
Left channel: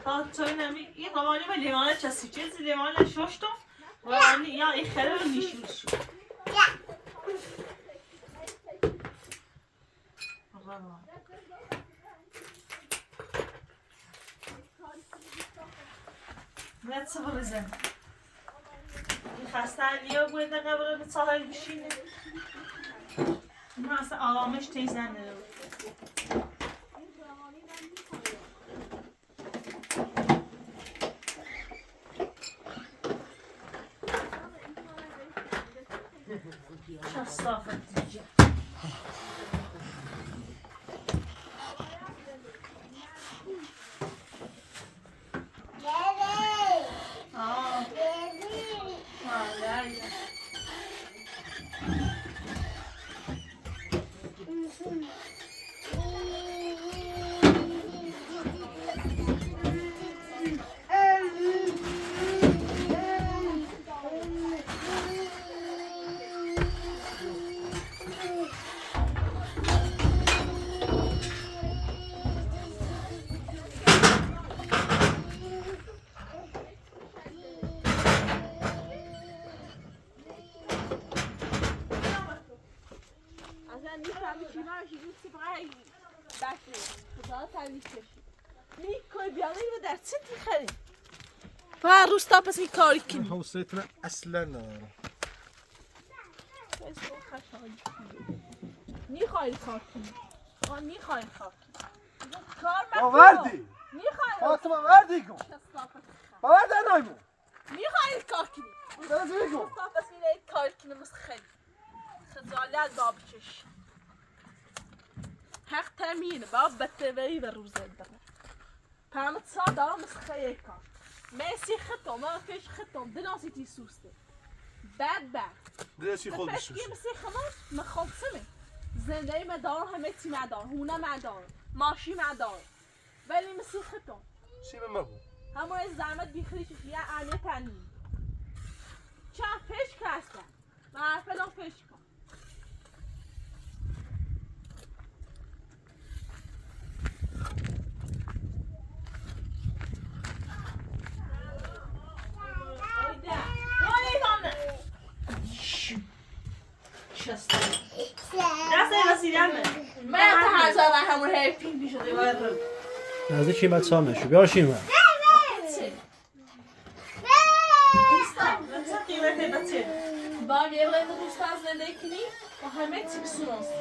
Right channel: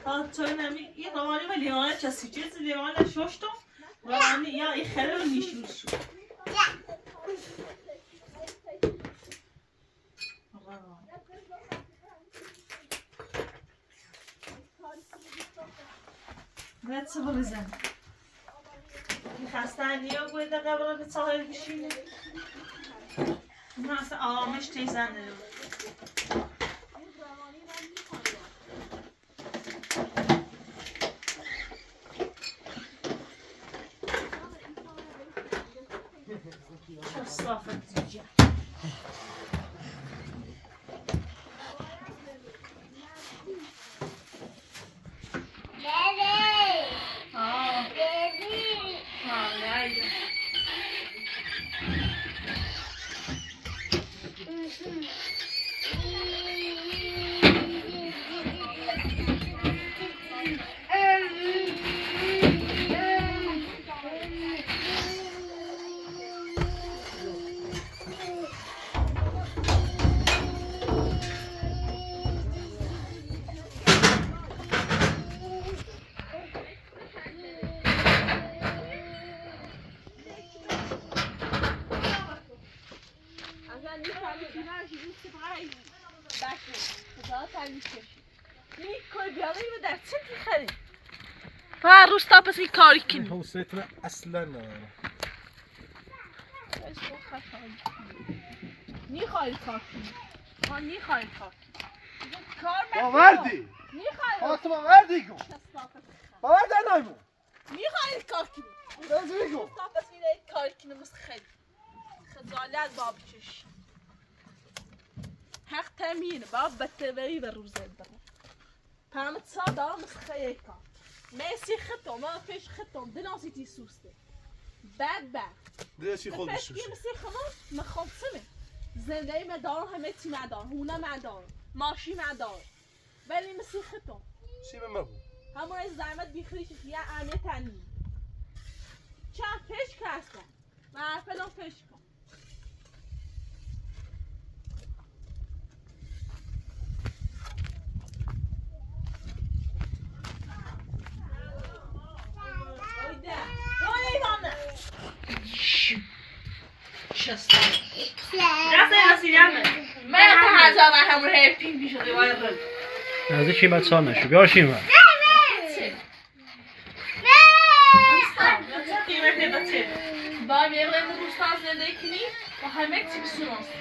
Ha söyleme. Ya zamanı ve limana çasıcız. Limana şoştum. Ve ya ihare nişmiş. باید چه بریزم این خستنی ها گوینده قبره به ساحل بشینه نه اصلا آرامش تیزنده شو صافت دیجه فقط روستا پس این کاری کنی حوصلت اصلا ندارم. نیخوایی کار کنی نیخوایی کار کنی کار باوردی نیخوایی خواست باوردی کن باوردی نایمون نیخوایی کار کنی درزی کن روستا پس میره کار کنی مثل خیلی خجالت باب کش حق تامینه باب بتوی و روزه داره پامت صادر مثل خیلی کار ماشي خطو ما فيش خطو دناسيتي سوسته بعد درستی خود فاش بسوز. مسي خلاص ما خلصنا زندگی ما دار همتی ما دار هونه ما دار ماشی ما دار ولی مسي خطو سی به مبو همون از زحمت بیخریش یا آنه تنی چه فش کاسته ما فلان فش کن از چی بد سال نشو بیاشیم بچه با میگم روستان زندگی کنی و همه چی بسونست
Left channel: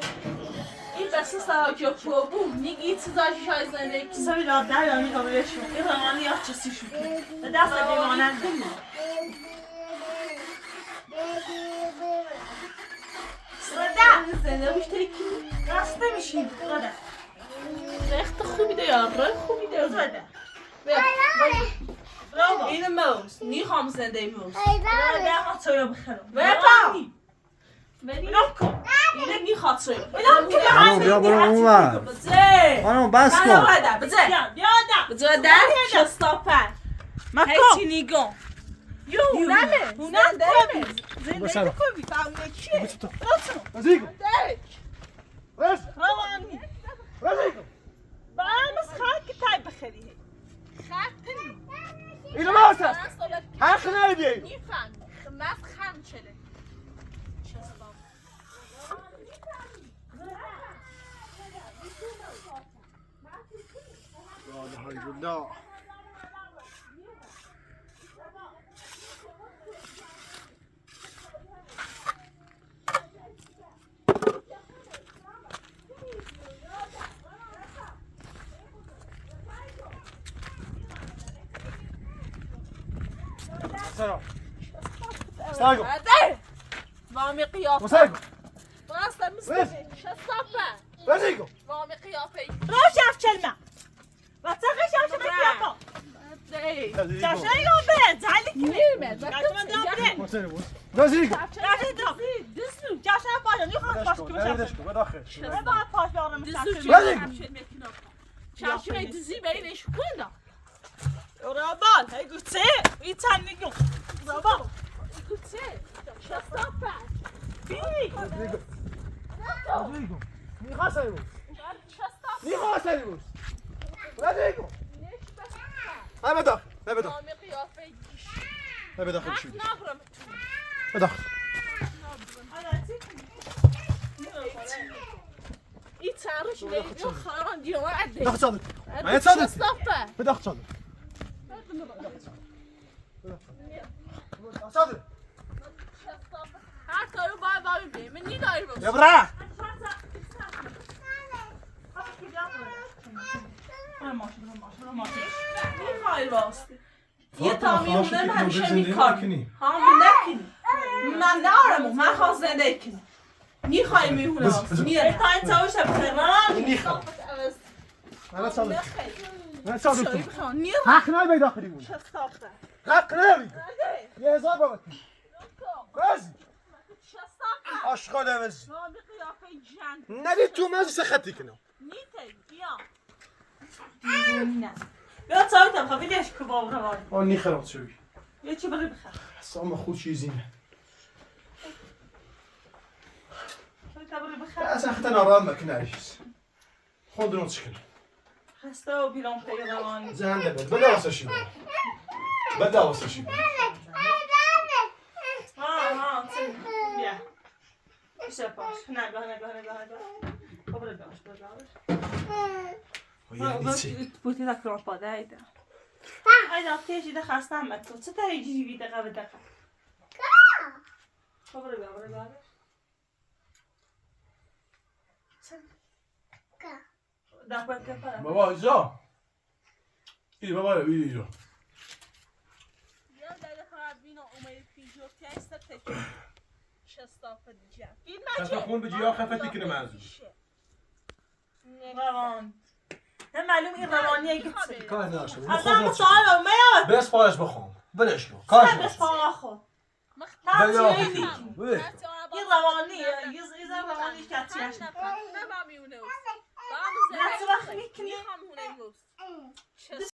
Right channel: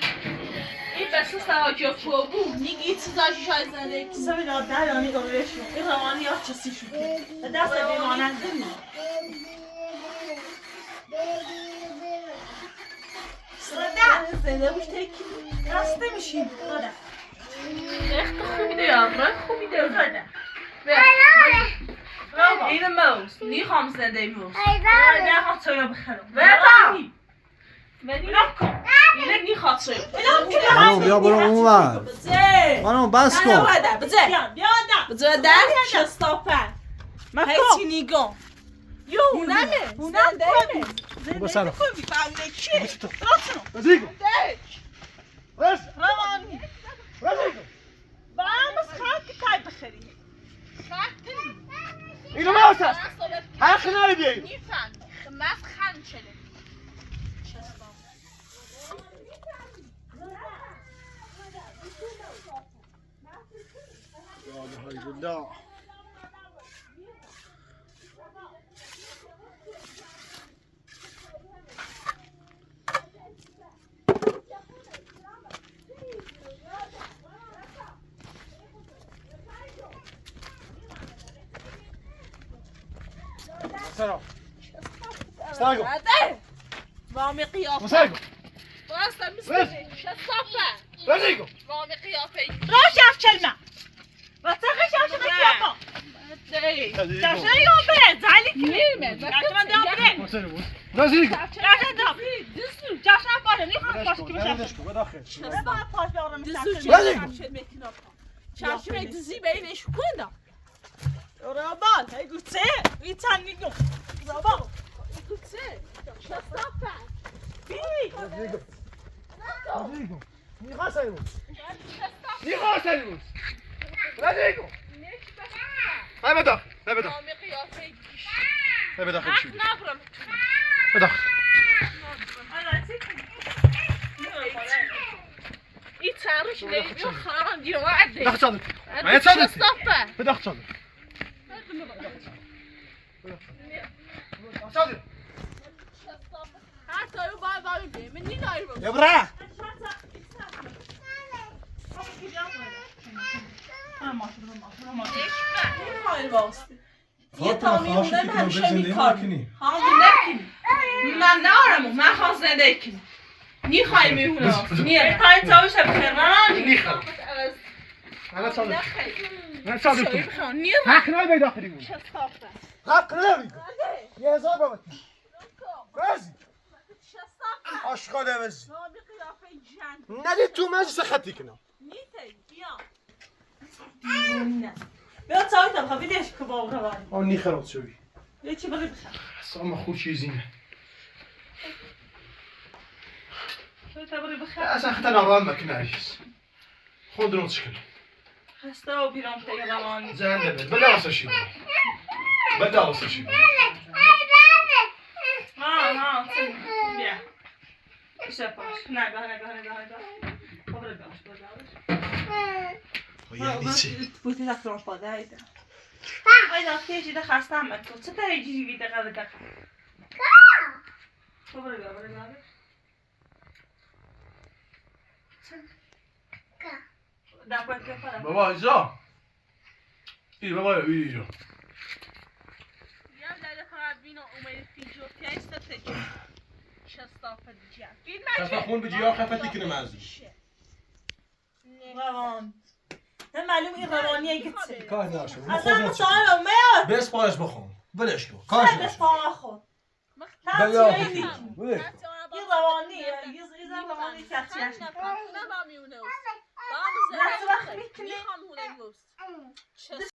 این بسته سراجا فوبو نیگی چیزاشی شای زندگی کنی سوی داد نه یعنی دوبارشون این روانی یا چسی شد دست بیمانند زنده بوش تکی رسته میشیم رخت خوبی ده یا رخ خوبی ده زده این موز نیخوام زنده موز نخواد سویا بخرم ولی اینه نیخواد سویا خانم بیا برو اونور بزه خانم بس کن بزه بزه در شستاپر هیچی نیگم هونمه زندهمه بسرا کنی فهمه چیه رزیگو رز روانی رزیگو با هم از خواهد که تای بخری اینو ما هست حق نداری میفهمی خمس خم شده لا سايقو وامي قيافة سايقو راسا مستني شصفة رزيقو وامي قيافة روش افچلمه و تخش افچل بکیافا جاشنه یون بره زعلی نيمة جاشنه دام بره رزيقو جاشنه دام جاشنه باشه نیخوام پاش که بشه بدخل بدخل نه باید پاش بیارم رزيقو شاشة دزي بينش كنا رابال هی گوته ایتان میگم رابال قلت شصفة رزيقو رزيقو نيخا سايقو نيخا سايقو رزيقو هاي بدخل هاي بدخل وامي قيافة هاي بدخل شو نابرم بدخل يتعرش لي خرام دي وعدي بدخل صادق معايا صادق شصفة بدخل صادق صادق حتى لو باي باي مني داير يا برا یه تامیونه همیشه میکارم همون نکنی من نارمو من خواست زنده کنی نیخوای میمونه یه تایم تاوش بخران نيخا انا صادق نخوای انا صادق بخواه نیه حق نداری داخلی بود شستافه حق نداری یه هزار بابت بازی شستافه عاشقا دوزی نامی قیافه جن ندی تو مزی سختی کنم نیتی بیا بیا تایم خب بیدیش که با روانی آن نیخرات شوی یه چی بری بخر ساما خود چیزی نه تا بری بخر اصلا خطا نرام مکنه ایش خود رو تشکل خسته و بیرام تایی روانی زنده بد بده واسه شی بده واسه شی ها بیا ایشه پاش نگاه خبر باش یعنی چی؟ بوتی دکتر پاده ایده ایده تیجی ده خسته هم تو چه تا ایجی بیده قبل خبر بابا ایزا ای بابا ایزا یا داده خراب بینا اومد فیجو تیست تجی شستافه جن خفه خون به جیا خفه تیکنه مزی روان نه معلوم این روانیه که چه کار ناشد اصلا سوال اومد بس پارش بخون بلش کن کارش بس ناشد آخو بیا این روانی یه روانی که چه نه با میونه نه وقت میکنه میخوام هونه موست